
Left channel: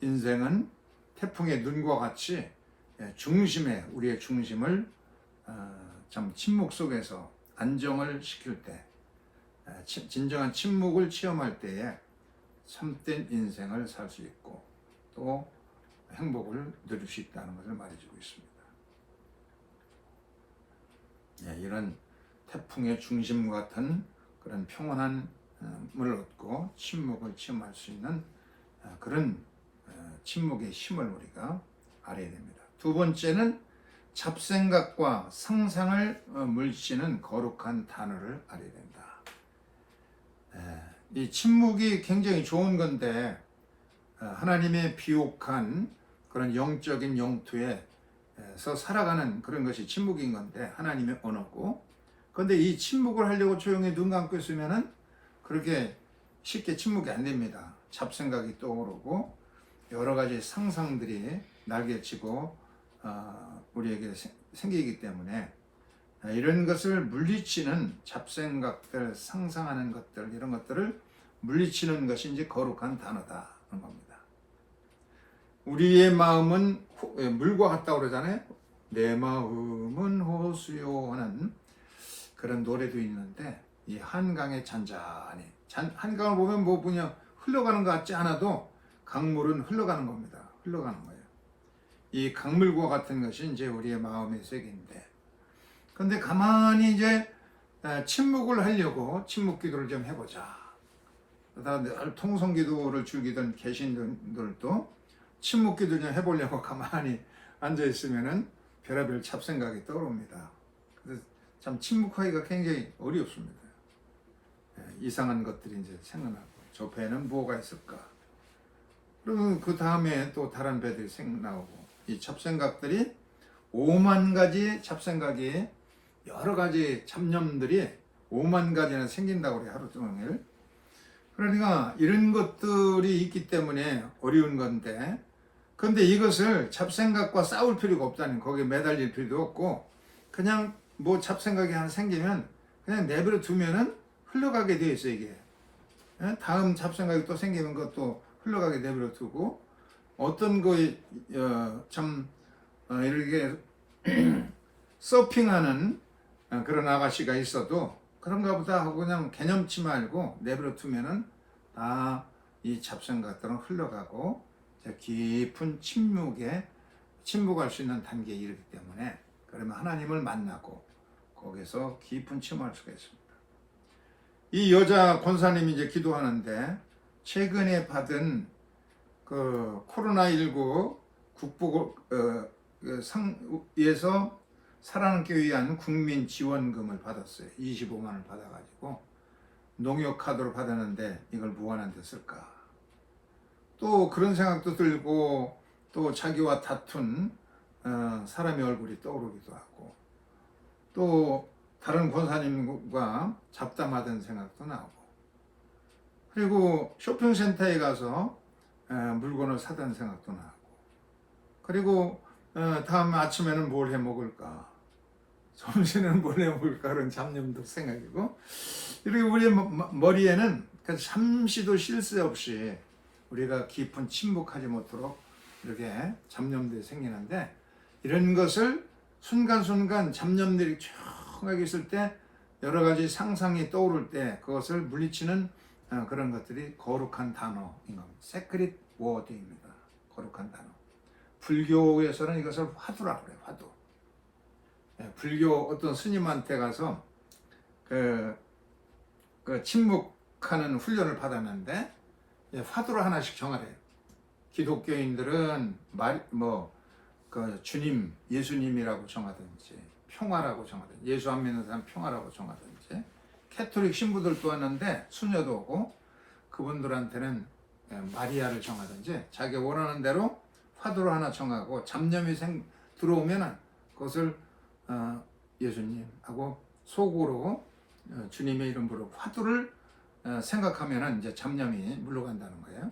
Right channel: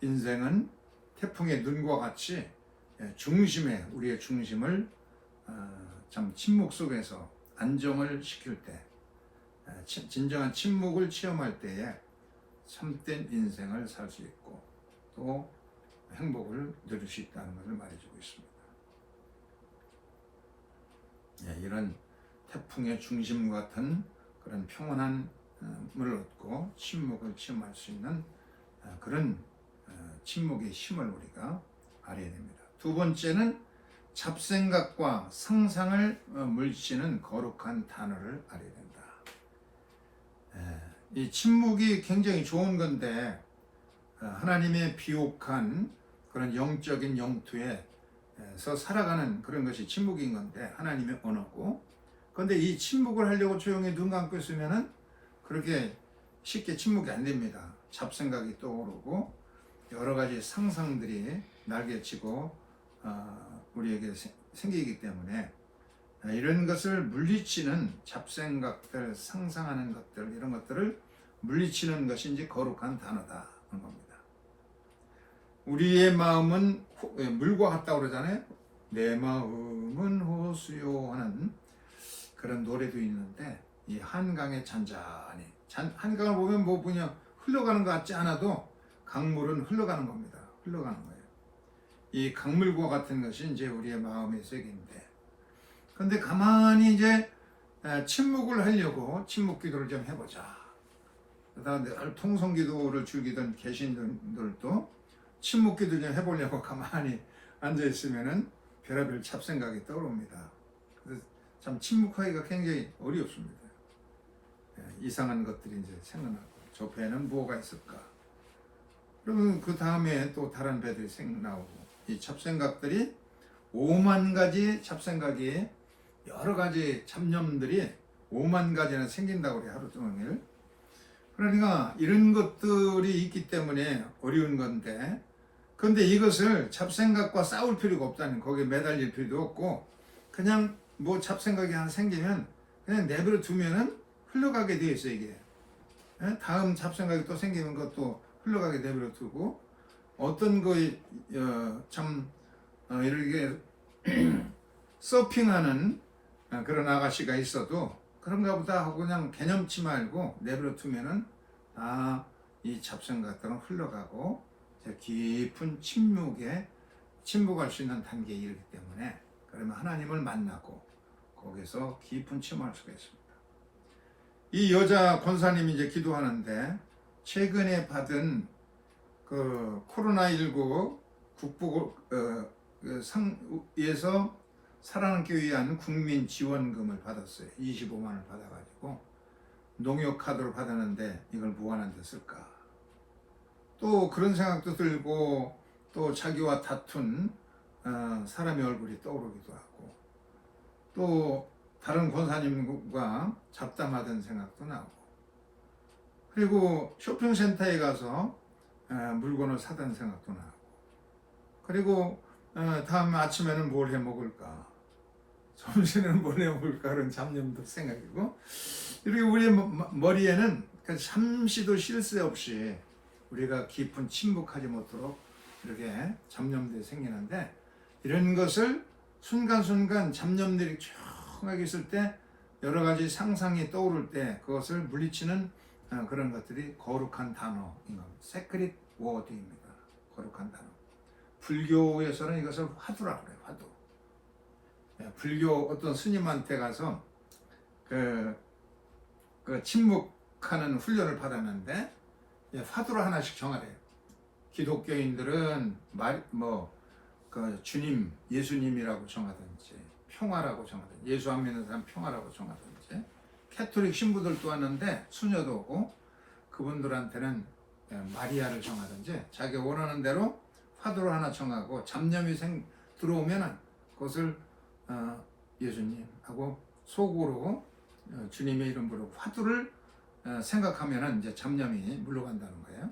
인생은 태풍의 눈과 같이 중심에 우리의 중심을 참 침묵 속에서 안정을 시킬 때 진정한 침묵을 체험할 때에 참된 인생을 살 수 있고 또 행복을 누릴 수 있다는 것을 말해주고 있습니다. 이런 태풍의 중심 같은 그런 평온한 물 얻고 침묵을 체험할 수 있는 그런 침묵의 힘을 우리가 알아야 됩니다. 두 번째는 잡생각과 상상을 물리치는 거룩한 단어를 알아야 된다. 이 침묵이 굉장히 좋은 건데 하나님의 비옥한 그런 영적인 영토에서 살아가는 그런 것이 침묵인 건데 하나님의 언어고, 그런데 이 침묵을 하려고 조용히 눈 감고 있으면은 그렇게 쉽게 침묵이 안 됩니다. 잡생각이 떠오르고 여러 가지 상상들이 날개치고 우리에게 생기기 때문에 이런 것을 물리치는 잡생각들, 상상하는 것들, 이런 것들을 물리치는 것이 이제 거룩한 단어다 하는 겁니다. 우리의 마음은 물과 같다고 그러잖아요. 내 마음은 호수요 하는 그런 노래도 있는데, 이 한강에 잔잔히, 한강을 보면 뭐 그냥 흘러가는 것 같지 않아도 강물은 흘러가는 겁니다. 흘러가는 거예요. 이 강물과 같은 것이 이제 우리의 마음의 세계인데, 근데 가만히 이제 침묵을 하려고 침묵 기도를 좀 해보자. 그다음에 늘 통성 기도를 즐기던 계신들도 침묵 기도를 좀 해보려고 가만히 앉아 있으면은 별의별 잡생각이 떠오릅니다. 그래서 참 침묵하기가 굉장히 어렵습니다. 이상한 것들이 이제 생각나고, 저 배는 뭐가 있을까? 그러면 그 다음에 또 다른 배들이 생각나고, 이 잡생각들이 5만 가지 잡생각이, 여러 가지 잡념들이 5만 가지나 생긴다고 그래요, 하루 종일. 그러니까 이런 것들이 있기 때문에 어려운 건데, 근데 이것을 잡생각과 싸울 필요가 없다는, 거기에 매달릴 필요도 없고, 그냥 뭐 잡생각이 하나 생기면 그냥 내버려 두면은 흘러가게 되어 있어요, 이게. 다음 잡생각이 또 생기는 것도 흘러가게 내버려 두고, 어떤 거에 이렇게 서핑하는 그런 아가씨가 있어도 그런가 보다 하고 그냥 개념치 말고 내버려 두면은 이 잡생각들은 흘러가고 깊은 침묵할 수 있는 단계에 이르기 때문에, 그러면 하나님을 만나고 거기서 깊은 침묵할 수가 있습니다. 이 여자 권사님이 이제 기도하는데, 최근에 받은 그 코로나19 상에서 살아남기 위한 국민 지원금을 받았어요. 25만 원을 받아가지고 농협 카드로 받았는데 이걸 무한한 데 쓸까? 또 그런 생각도 들고, 또 자기와 다툰 사람의 얼굴이 떠오르기도 하고, 또 다른 권사님과 잡담하던 생각도 나고, 그리고 쇼핑센터에 가서 물건을 사던 생각도 나고, 그리고 다음 아침에는 뭘 해 먹을까, 점심에는 뭘 해 먹을까, 그런 잡념도 생각이고, 그리고 우리 머리에는 잠시도 쉴 새 없이 우리가 깊은 침묵하지 못하도록 이렇게 잡념들이 생기는데, 이런 것을 순간순간 잡념들이 조용하게 있을 때, 여러 가지 상상이 떠오를 때 그것을 물리치는 그런 것들이 거룩한 단어인 겁니다. 세크릿 워드입니다. 거룩한 단어. 불교에서는 이것을 화두라고 해요. 화두. 불교 어떤 스님한테 가서 그 침묵하는 훈련을 받았는데, 화두를 하나씩 정하래요. 기독교인들은 주님, 예수님이라고 정하든지, 평화라고 정하든지, 예수 안 믿는 사람 평화라고 정하든지, 캐톨릭 신부들도 왔는데 수녀도 오고, 그분들한테는 마리아를 정하든지 자기가 원하는 대로 화두를 하나 정하고, 잡념이 들어오면은 그것을 예수님하고 속으로 주님의 이름 부르고 화두를 생각하면은 이제 잡념이 물러간다는 거예요.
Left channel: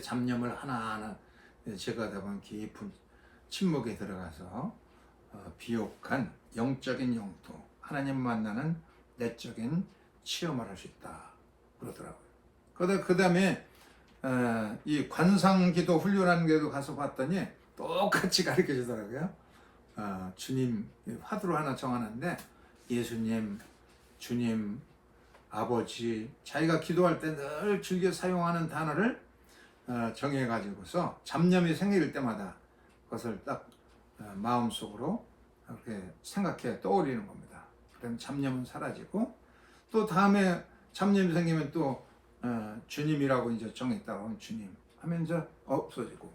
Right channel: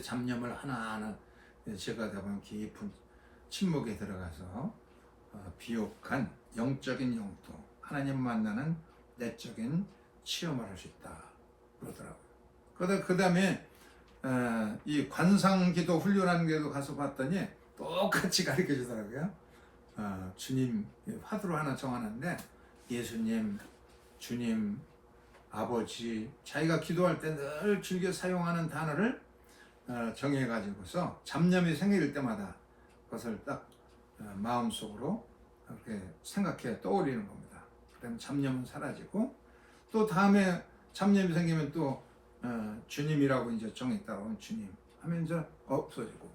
잡념을 하나하나 제거하다 보면 깊은 침묵에 들어가서 비옥한 영적인 영토, 하나님 만나는 내적인 체험을 할 수 있다 그러더라고요. 그 다음에 이 관상기도 훈련하는 게도 가서 봤더니 똑같이 가르쳐 주더라고요. 주님, 화두로 하나 정하는데 예수님, 주님, 아버지, 자기가 기도할 때 늘 즐겨 사용하는 단어를 정해가지고서 잡념이 생길 때마다 그것을 딱 마음속으로 이렇게 생각해 떠올리는 겁니다. 그러면 잡념은 사라지고, 또 다음에 잡념이 생기면 또 주님이라고 이제 정했다고 하면 주님, 하면 이제 없어지고.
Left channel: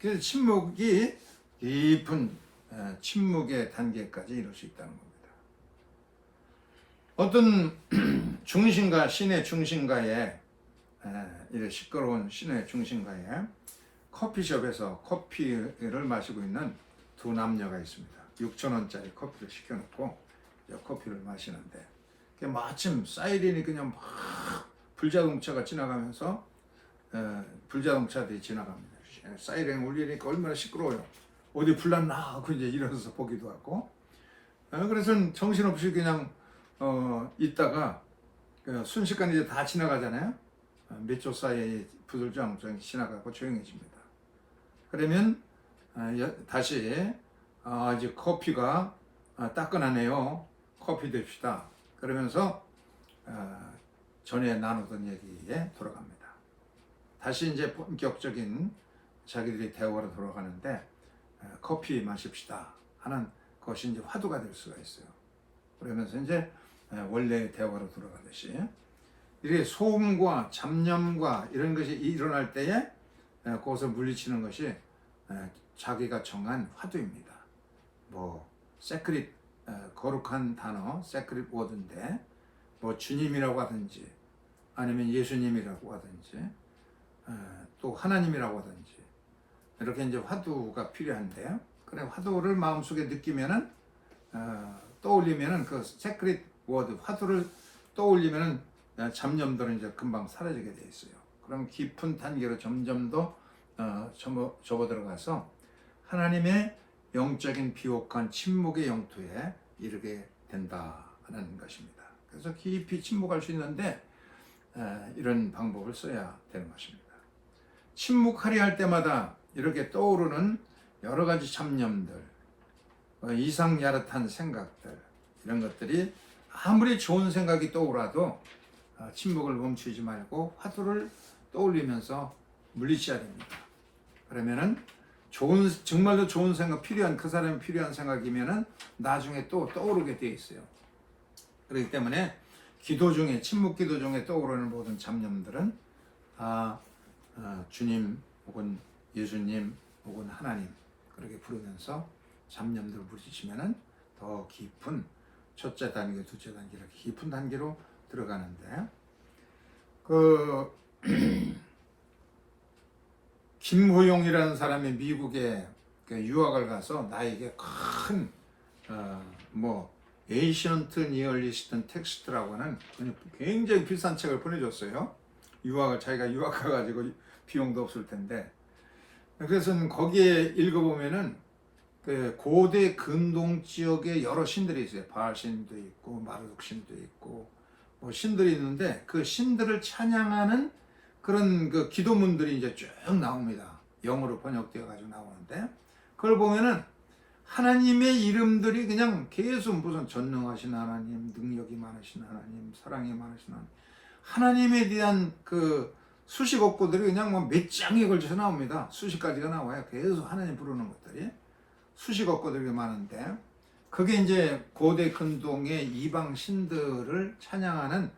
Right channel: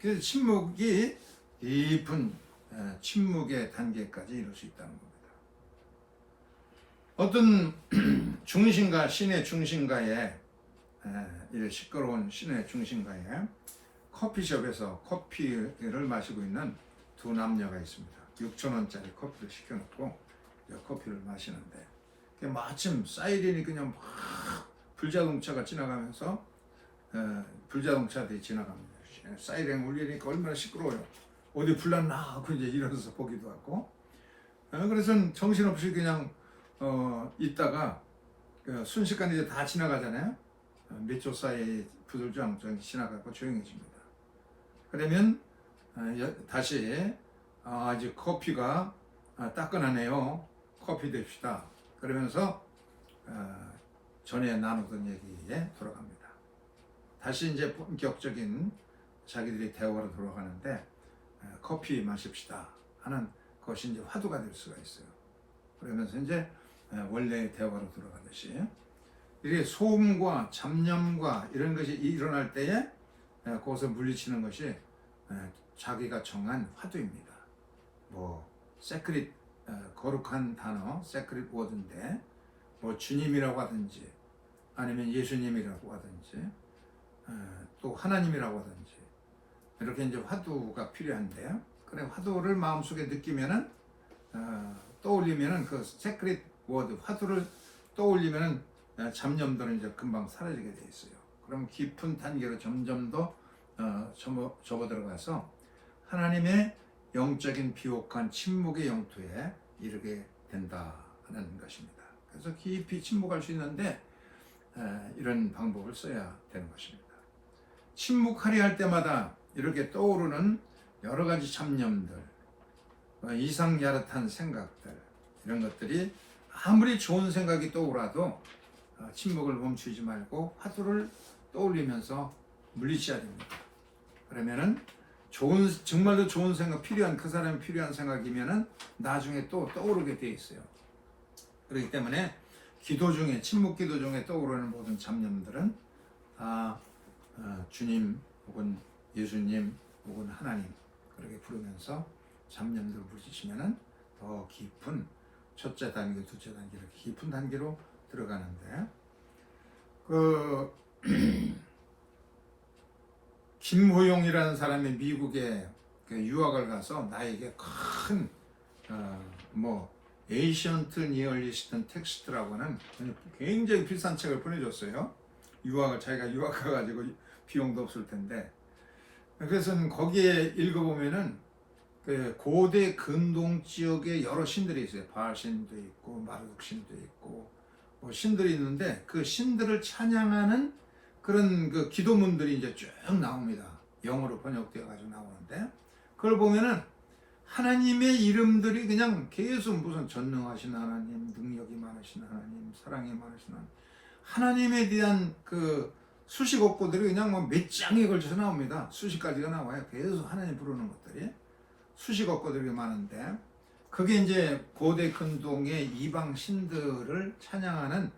그래서 침묵이 깊은 침묵의 단계까지 이룰 수 있다는 겁니다. 어떤 중심가, 시내 중심가에 이 시끄러운 시내 중심가에 커피숍에서 커피를 마시고 있는 두 남녀가 있습니다. 6,000원짜리 커피를 시켜놓고 커피를 마시는데 마침 사이렌이 그냥 막 불자동차가 지나가면서 불자동차들이 지나갑니다. 사이렌 울리니까 얼마나 시끄러워요. 어디 불났나 하고 이제 일어나서 보기도 하고. 그래서 정신없이 그냥 있다가 순식간에 이제 다 지나가잖아요. 몇 초 사이에 부들장정 지나가고 조용해집니다. 그러면 다시 아직 커피가 따끈하네요. 커피 됩시다. 그러면서 전에 나누던 얘기에 돌아갑니다. 다시 이제 본격적인 자기들이 대화로 돌아가는데 커피 마십시다 하는 것이 이제 화두가 될 수가 있어요. 그러면서 이제 원래의 대화로 돌아가듯이 이렇게 소음과 잡념과 이런 것이 일어날 때에 그것을 물리치는 것이 자기가 정한 화두입니다. 뭐 세크릿 거룩한 단어, 세크릿 워드인데 뭐 주님이라고 하든지 아니면 예수님이라고 하든지 또 하나님이라고 하든지 이렇게 이제 화두가 필요한데 그래 화두를 마음속에 느끼면은 떠올리면은 그 세크릿 워드 화두를 떠올리면은 잡념들은 이제 금방 사라지게 돼 있어요. 그럼 깊은 단계로 점점 더 접어들어가서 하나님의 영적인 비옥한 침묵의 영토에 이르게 된다는 것입니다. 그래서 깊이 침묵할 수 있는데 이런 방법을 써야 되는 것입니다. 침묵하려 할 때마다 이렇게 떠오르는 여러 가지 잡념들, 이상야릇한 생각들 이런 것들이 아무리 좋은 생각이 떠오라도 침묵을 멈추지 말고 화두를 떠올리면서 물리쳐야 됩니다. 그러면은 정말로 좋은 생각 필요한 그 사람이 필요한 생각이면은 나중에 또 떠오르게 돼 있어요. 그렇기 때문에 기도 중에 침묵 기도 중에 떠오르는 모든 잡념들은 주님 혹은 예수님 혹은 하나님 그렇게 부르면서 잡념들을 물리치면은 더 깊은 첫째 단계, 둘째 단계 이렇게 깊은 단계로 들어가는데 김호용이라는 사람이 미국에 유학을 가서 나에게 큰 에이션트 니얼리스트 텍스트라고 하는 굉장히 비싼 책을 보내줬어요. 자기가 유학 가가지고 비용도 없을 텐데 그래서 거기에 읽어보면은 고대 근동 지역에 여러 신들이 있어요. 바알신도 있고 마르둑신도 있고 신들이 있는데 그 신들을 찬양하는 그런 그 기도문들이 이제 쭉 나옵니다. 영어로 번역되어 가지고 나오는데 그걸 보면은 하나님의 이름들이 그냥 계속 무슨 전능하신 하나님, 능력이 많으신 하나님, 사랑이 많으신 하나님에 대한 그 수식 어구들이 그냥 몇 장에 걸쳐서 나옵니다. 수십 가지가 나와요. 계속 하나님 부르는 것들이 수식 어구들이 많은데 그게 이제 고대 근동의 이방 신들을 찬양하는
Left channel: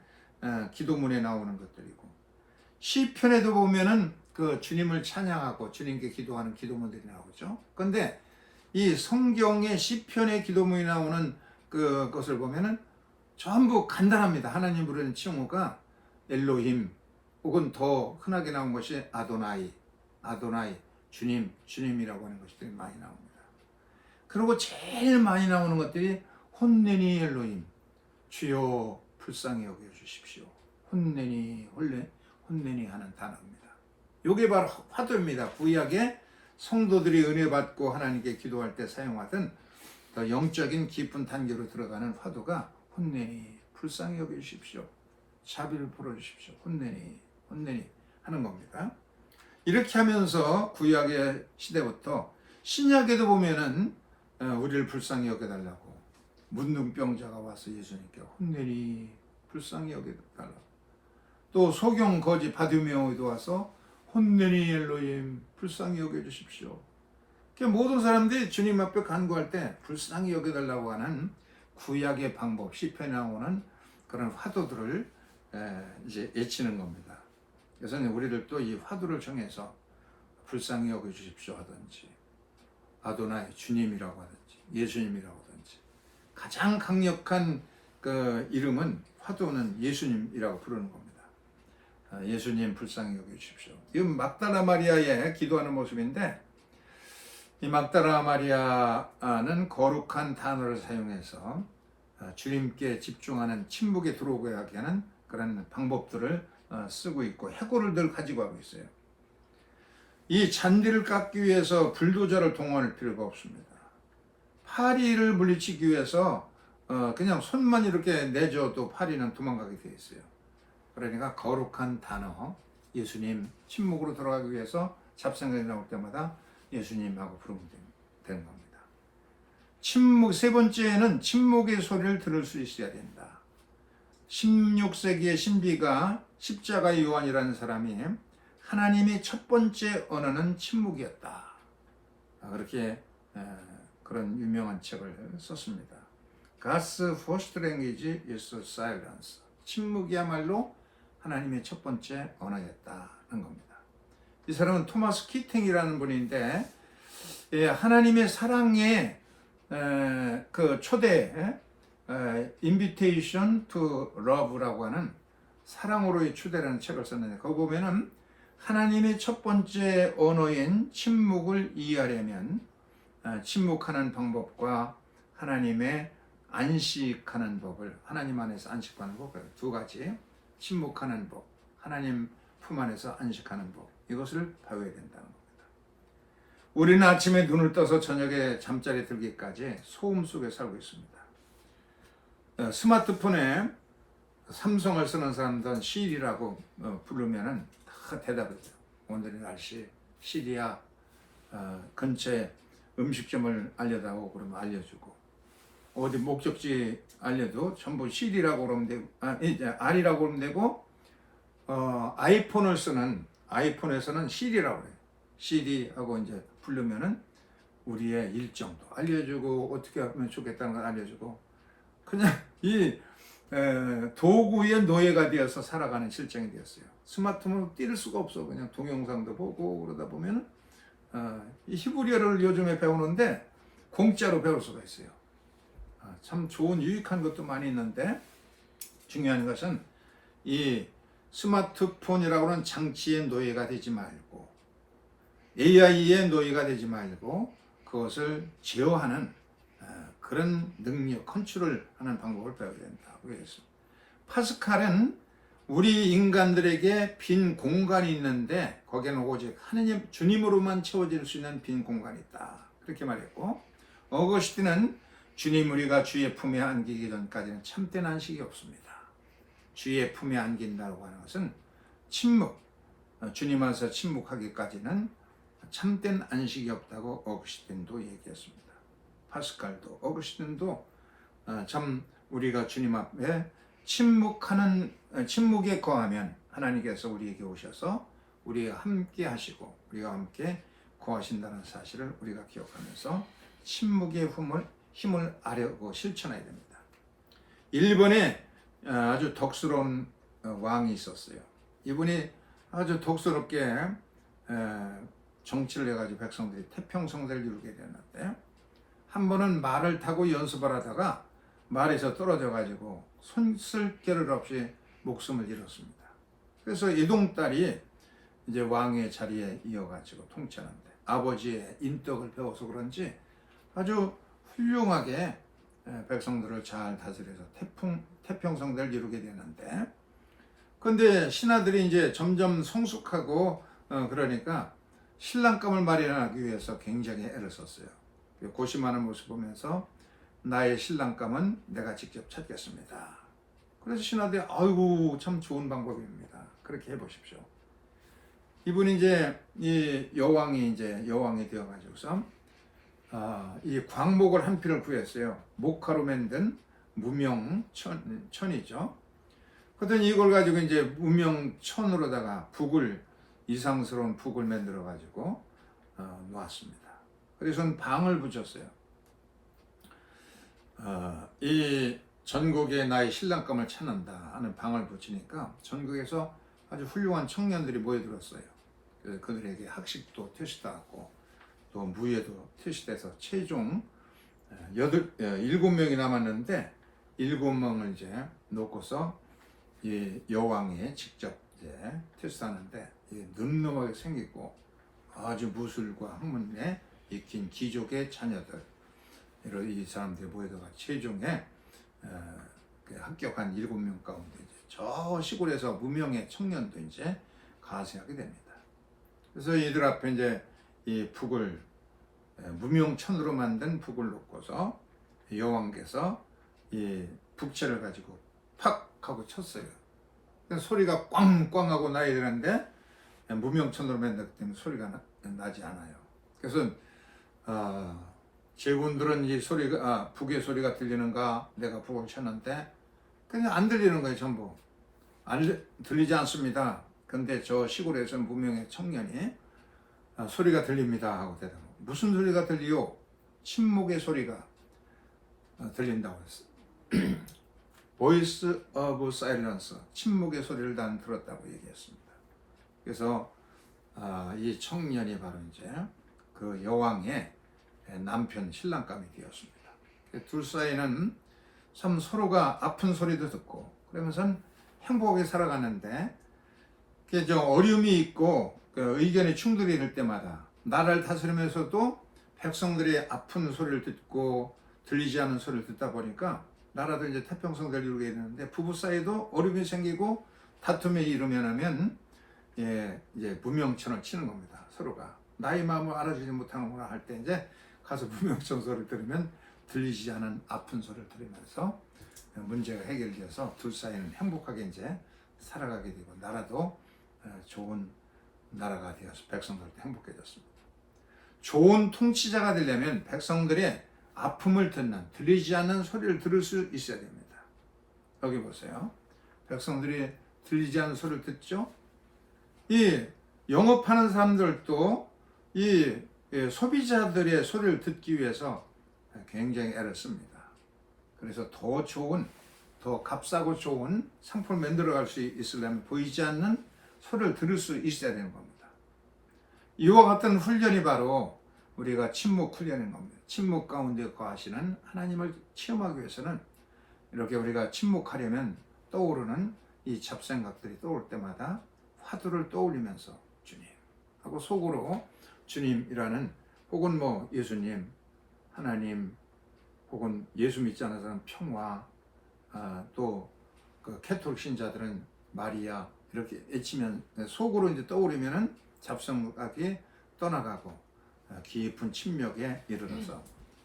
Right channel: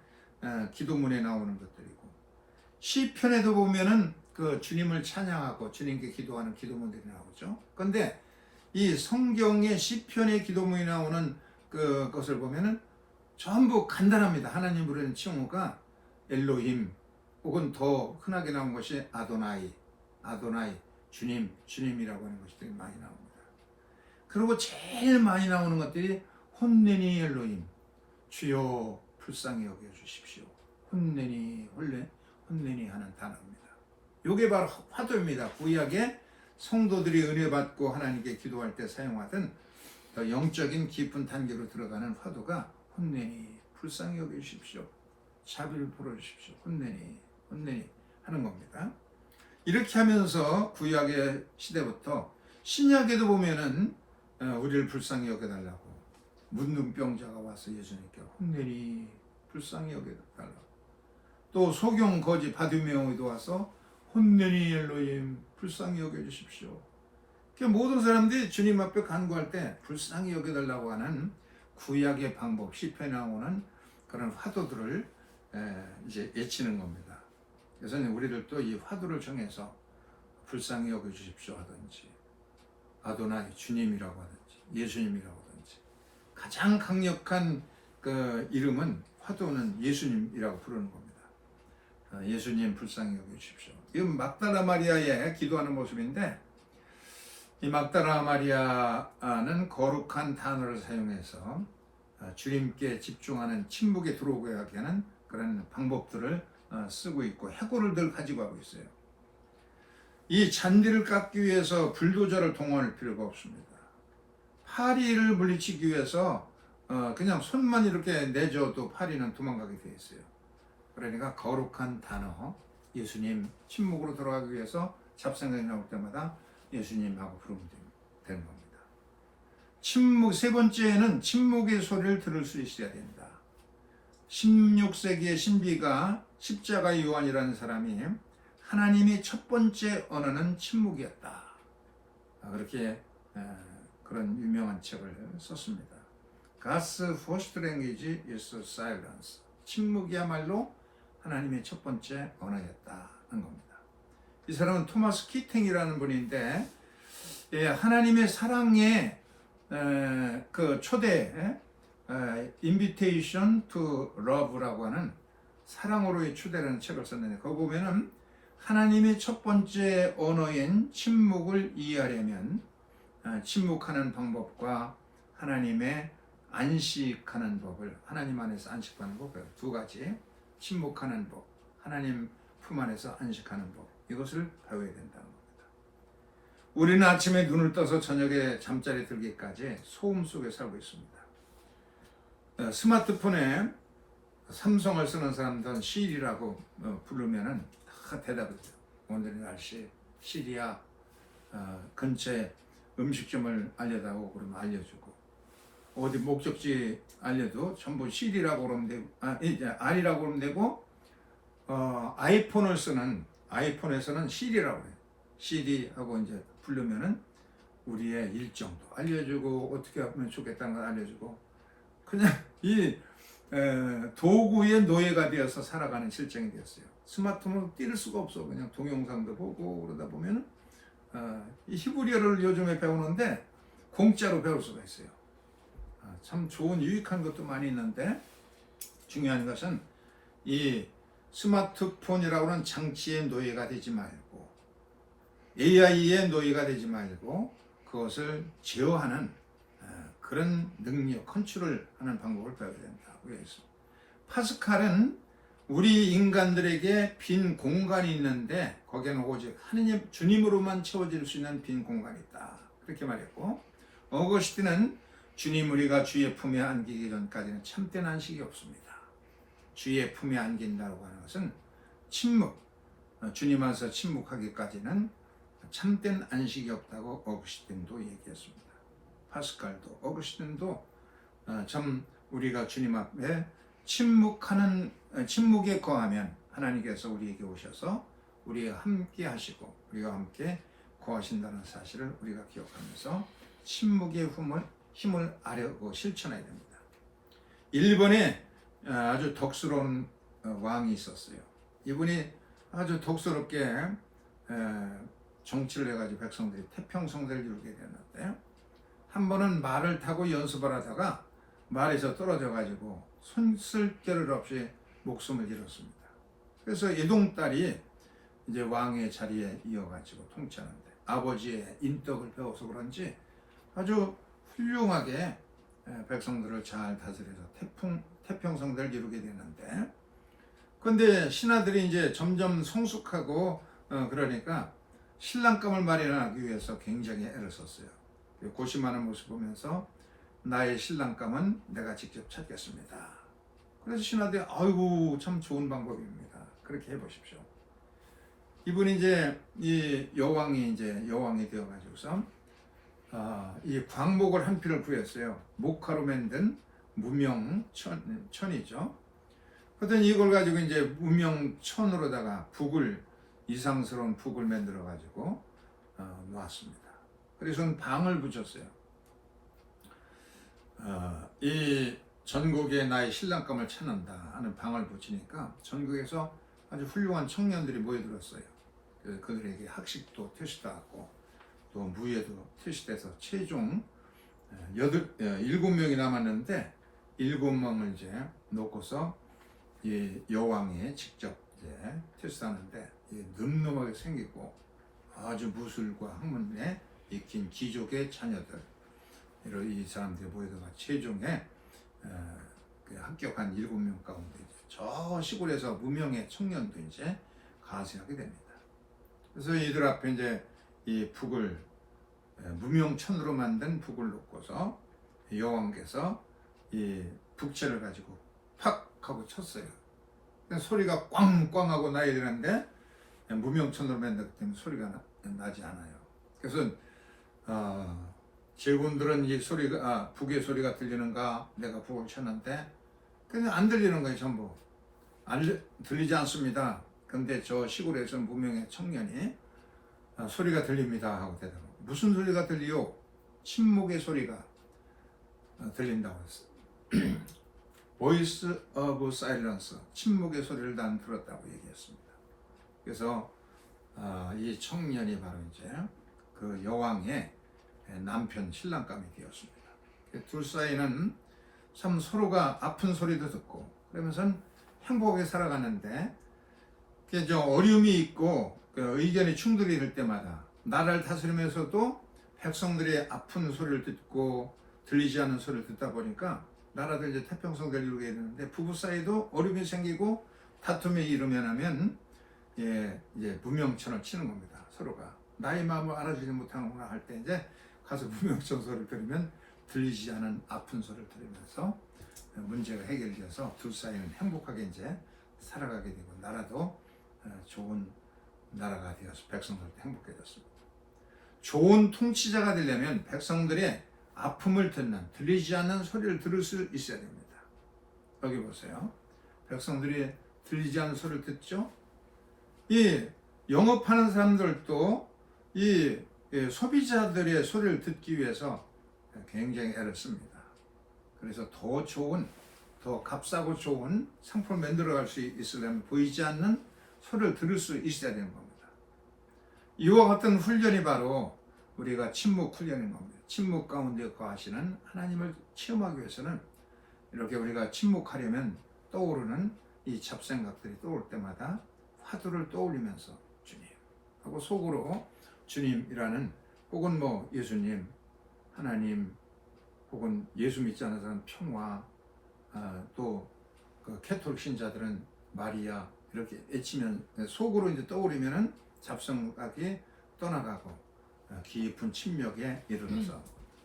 기도문에 나오는 것들이고 시편에도 보면은 그 주님을 찬양하고 주님께 기도하는 기도문들이 나오죠. 그런데 이 성경의 시편의 기도문이 나오는 그것을 보면은 전부 간단합니다. 하나님 부르는 칭호가 엘로힘 혹은 더 흔하게 나온 것이 아도나이, 주님이라고 하는 것들이 많이 나옵니다. 그리고 제일 많이 나오는 것들이 혼내니 엘로힘, 주여 불쌍히 여겨 주십시오. 혼내니 하는 단어입니다. 이게 바로 화두입니다. 구약의 성도들이 은혜 받고 하나님께 기도할 때 사용하던 더 영적인 깊은 단계로 들어가는 화두가 혼내니 불쌍히 여겨 주십시오. 자비를 풀어 주십시오. 혼내니 하는 겁니다. 이렇게 하면서 구약의 시대부터 신약에도 보면은 우리를 불쌍히 여겨달라고 문둥병자가 와서 예수님께 혼내니 불쌍히 여겨달라고 또 소경 거지 바디메오도 와서 혼내니 엘로힘 불쌍히 여겨주십시오. 모든 사람들이 주님 앞에 간구할 때 불쌍히 여겨달라고 하는 구약의 방법, 시편에 나오는 그런 화두들을 이제 외치는 겁니다. 그래서 우리를 또 이 화두를 정해서 불쌍히 여겨 주십시오 하든지, 아도나이 주님이라고 하든지, 예수님이라고 하든지, 가장 강력한 그 이름은 화두는 예수님이라고 부르는 겁니다. 예수님 불쌍히 여겨 주십시오. 이건 막달라 마리아의 기도하는 모습인데, 이 막달라 마리아는 거룩한 단어를 사용해서 주님께 집중하는 침묵에 들어오게 하게 하는 그런 방법들을 쓰고 있고 해골을 늘 가지고 하고 있어요. 이 잔디를 깎기 위해서 불도저를 동원할 필요가 없습니다. 파리를 물리치기 위해서 그냥 손만 이렇게 내줘도 파리는 도망가게 되어 있어요. 그러니까 거룩한 단어, 예수님, 침묵으로 들어가기 위해서 잡생각이 나올 때마다 예수님하고 부르면 되는 겁니다. 침묵, 세 번째는 침묵의 소리를 들을 수 있어야 된다. 16세기의 신비가 십자가 요한이라는 사람이 하나님의 첫 번째 언어는 침묵이었다. 그렇게 그런 유명한 책을 썼습니다. God's first language is silence. 침묵이야말로 하나님의 첫 번째 언어였다는 겁니다. 이 사람은 토마스 키팅이라는 분인데 하나님의 사랑의 그 초대 Invitation to Love라고 하는 사랑으로의 초대라는 책을 썼는데 거기 보면은 하나님의 첫 번째 언어인 침묵을 이해하려면 침묵하는 방법과 하나님의 안식하는 법을 하나님 안에서 안식하는 법 두 가지 침묵하는 법 하나님 품 안에서 안식하는 법 이것을 배워야 된다는 겁니다. 우리는 아침에 눈을 떠서 저녁에 잠자리 들기까지 소음 속에 살고 있습니다. 스마트폰에 삼성을 쓰는 사람들은 시리라고 부르면은 다 대답이죠. 오늘의 날씨 시리야 근처에 음식점을 알려다오 그러면 알려주고 어디 목적지 알려도 전부 시리라고 그러면 되고 R이라고 그러면 되고 아이폰을 쓰는 아이폰에서는 시리라고 해요. 시리하고 이제 부르면은 우리의 일정도 알려주고 어떻게 하면 좋겠다는 걸 알려주고 그냥 이 도구의 노예가 되어서 살아가는 실정이 되었어요. 스마트폰으로 뛸 수가 없어. 그냥 동영상도 보고 그러다 보면 이 히브리어를 요즘에 배우는데 공짜로 배울 수가 있어요. 참 좋은 유익한 것도 많이 있는데 중요한 것은 이 스마트폰이라고 하는 장치의 노예가 되지 말고 AI의 노예가 되지 말고 그것을 제어하는 그런 능력, 컨트롤하는 방법을 배워야 된다고 그랬어. 파스칼은 우리 인간들에게 빈 공간이 있는데 거기에는 오직 하느님 주님으로만 채워질 수 있는 빈 공간이 있다. 그렇게 말했고 어거스틴은 주님 우리가 주의 품에 안기기 전까지는 참된 안식이 없습니다. 주의 품에 안긴다고 하는 것은 침묵, 주님 안에서 침묵하기까지는 참된 안식이 없다고 어거스틴도 얘기했습니다. 파스칼도 어거스틴도 참 우리가 주님 앞에 침묵에 거하면 하나님께서 우리에게 오셔서 우리와 함께 하시고 우리와 함께 거하신다는 사실을 우리가 기억하면서 침묵의 힘을 아려고 실천해야 됩니다. 일본에 아주 덕스러운 왕이 있었어요. 이분이 아주 덕스럽게 정치를 해가지고 백성들이 태평성대를 이루게 되었는데 한 번은 말을 타고 연습을 하다가 말에서 떨어져가지고 손 쓸 겨를 없이 목숨을 잃었습니다. 그래서 이동딸이 이제 왕의 자리에 이어가지고 통치하는데 아버지의 인덕을 배워서 그런지 아주 훌륭하게 백성들을 잘 다스려서 태평성대를 이루게 되는데 그런데 신하들이 이제 점점 성숙하고 그러니까 신랑감을 마련하기 위해서 굉장히 애를 썼어요. 고심하는 모습 보면서 나의 신랑감은 내가 직접 찾겠습니다. 그래서 신하들이 아이고 참 좋은 방법입니다. 그렇게 해보십시오. 이분이 이제 이 여왕이 되어가지고서 이 광목을 한 필을 구했어요. 목화로 만든 무명천이죠. 그랬더니 이걸 가지고 이제 무명천으로다가 이상스러운 북을 만들어 가지고 놓았습니다. 그래서 방을 붙였어요. 이 전국에 나의 신랑감을 찾는다 하는 방을 붙이니까 전국에서 아주 훌륭한 청년들이 모여들었어요. 그래서 그들에게 학식도 퇴시하고 또 무예도 퇴시돼서 최종 7명이 남았는데 7명을 이제 놓고서 이 여왕이 직접 이제 퇴시하는데 늠름하게 생기고 아주 무술과 학문에 익힌 귀족의 자녀들 이런 이 사람들이 모여다가 최종에 합격한 7명 가운데 저 시골에서 무명의 청년도 이제 가세하게 됩니다. 그래서 이들 앞에 이제 이 북을 무명천으로 만든 북을 놓고서 여왕께서 이 북채를 가지고 팍 하고 쳤어요. 소리가 꽝꽝 하고 나야 되는데 무명천으로 만들기 때문에 소리가 나지 않아요. 그래서 제군들은 이 소리가 북의 소리가 들리는가 내가 북을 쳤는데 그냥 안 들리는 거예요. 전부 들리지 않습니다. 근데 저 시골에서는 무명의 청년이 소리가 들립니다 하고 대답합니다. 무슨 소리가 들리요? 침묵의 소리가 들린다고 했어요. Voice of silence, 침묵의 소리를 난 들었다고 얘기했습니다. 그래서 이 청년이 바로 이제 그 여왕의 남편 신랑감이 되었습니다. 둘 사이는 참 서로가 아픈 소리도 듣고 그러면서 행복하게 살아가는데 그게 좀 어려움이 있고 의견의 충돌이 될 때마다 나라를 다스리면서도 백성들의 아픈 소리를 듣고 들리지 않는 소리를 듣다 보니까 나라도 이제 태평성대를 이루게 되는데 부부 사이도 어려움이 생기고 다툼에 이르면 이제 무명천을 치는 겁니다. 서로가 나의 마음을 알아주지 못하는구나 할 때 이제 가서 무명천 소리를 들으면 들리지 않은 아픈 소리를 들으면서 문제가 해결돼서 둘 사이는 행복하게 이제 살아가게 되고 나라도 좋은 나라가 되어서 백성들도 행복해졌습니다. 좋은 통치자가 되려면 백성들의 아픔을 듣는 들리지 않는 소리를 들을 수 있어야 됩니다. 여기 보세요. 백성들이 들리지 않는 소리를 듣죠. 이 영업하는 사람들도 이 소비자들의 소리를 듣기 위해서 굉장히 애를 씁니다. 그래서 더 좋은, 더 값싸고 좋은 상품을 만들어갈 수 있으려면 보이지 않는 소리를 들을 수 있어야 되는 겁니다. 이와 같은 훈련이 바로 우리가 침묵 훈련인 겁니다. 침묵 가운데 거하시는 하나님을 체험하기 위해서는 이렇게 우리가 침묵하려면 떠오르는 이 잡생각들이 떠올 때마다 화두를 떠올리면서 주님 하고 속으로 주님이라는 혹은 뭐 예수님, 하나님 혹은 예수 믿지 않는 사람 평화 또 그 캐톨릭 신자들은 마리아 이렇게 외치면 속으로 이제 떠오르면은 잡생각이 떠나가고 깊은 침묵에 이르러서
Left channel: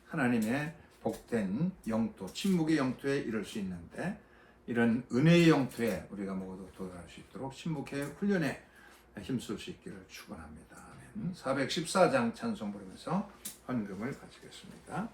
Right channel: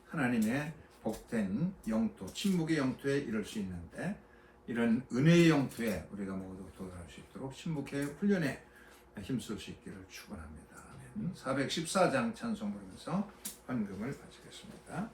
하나님의 복된 영토, 침묵의 영토에 이를 수 있는데 이런 은혜의 영토에 우리가 모두 도달할 수 있도록 침묵의 훈련에 힘쓸 수 있기를 축원합니다. 414장 찬송 부르면서 헌금을 바치겠습니다.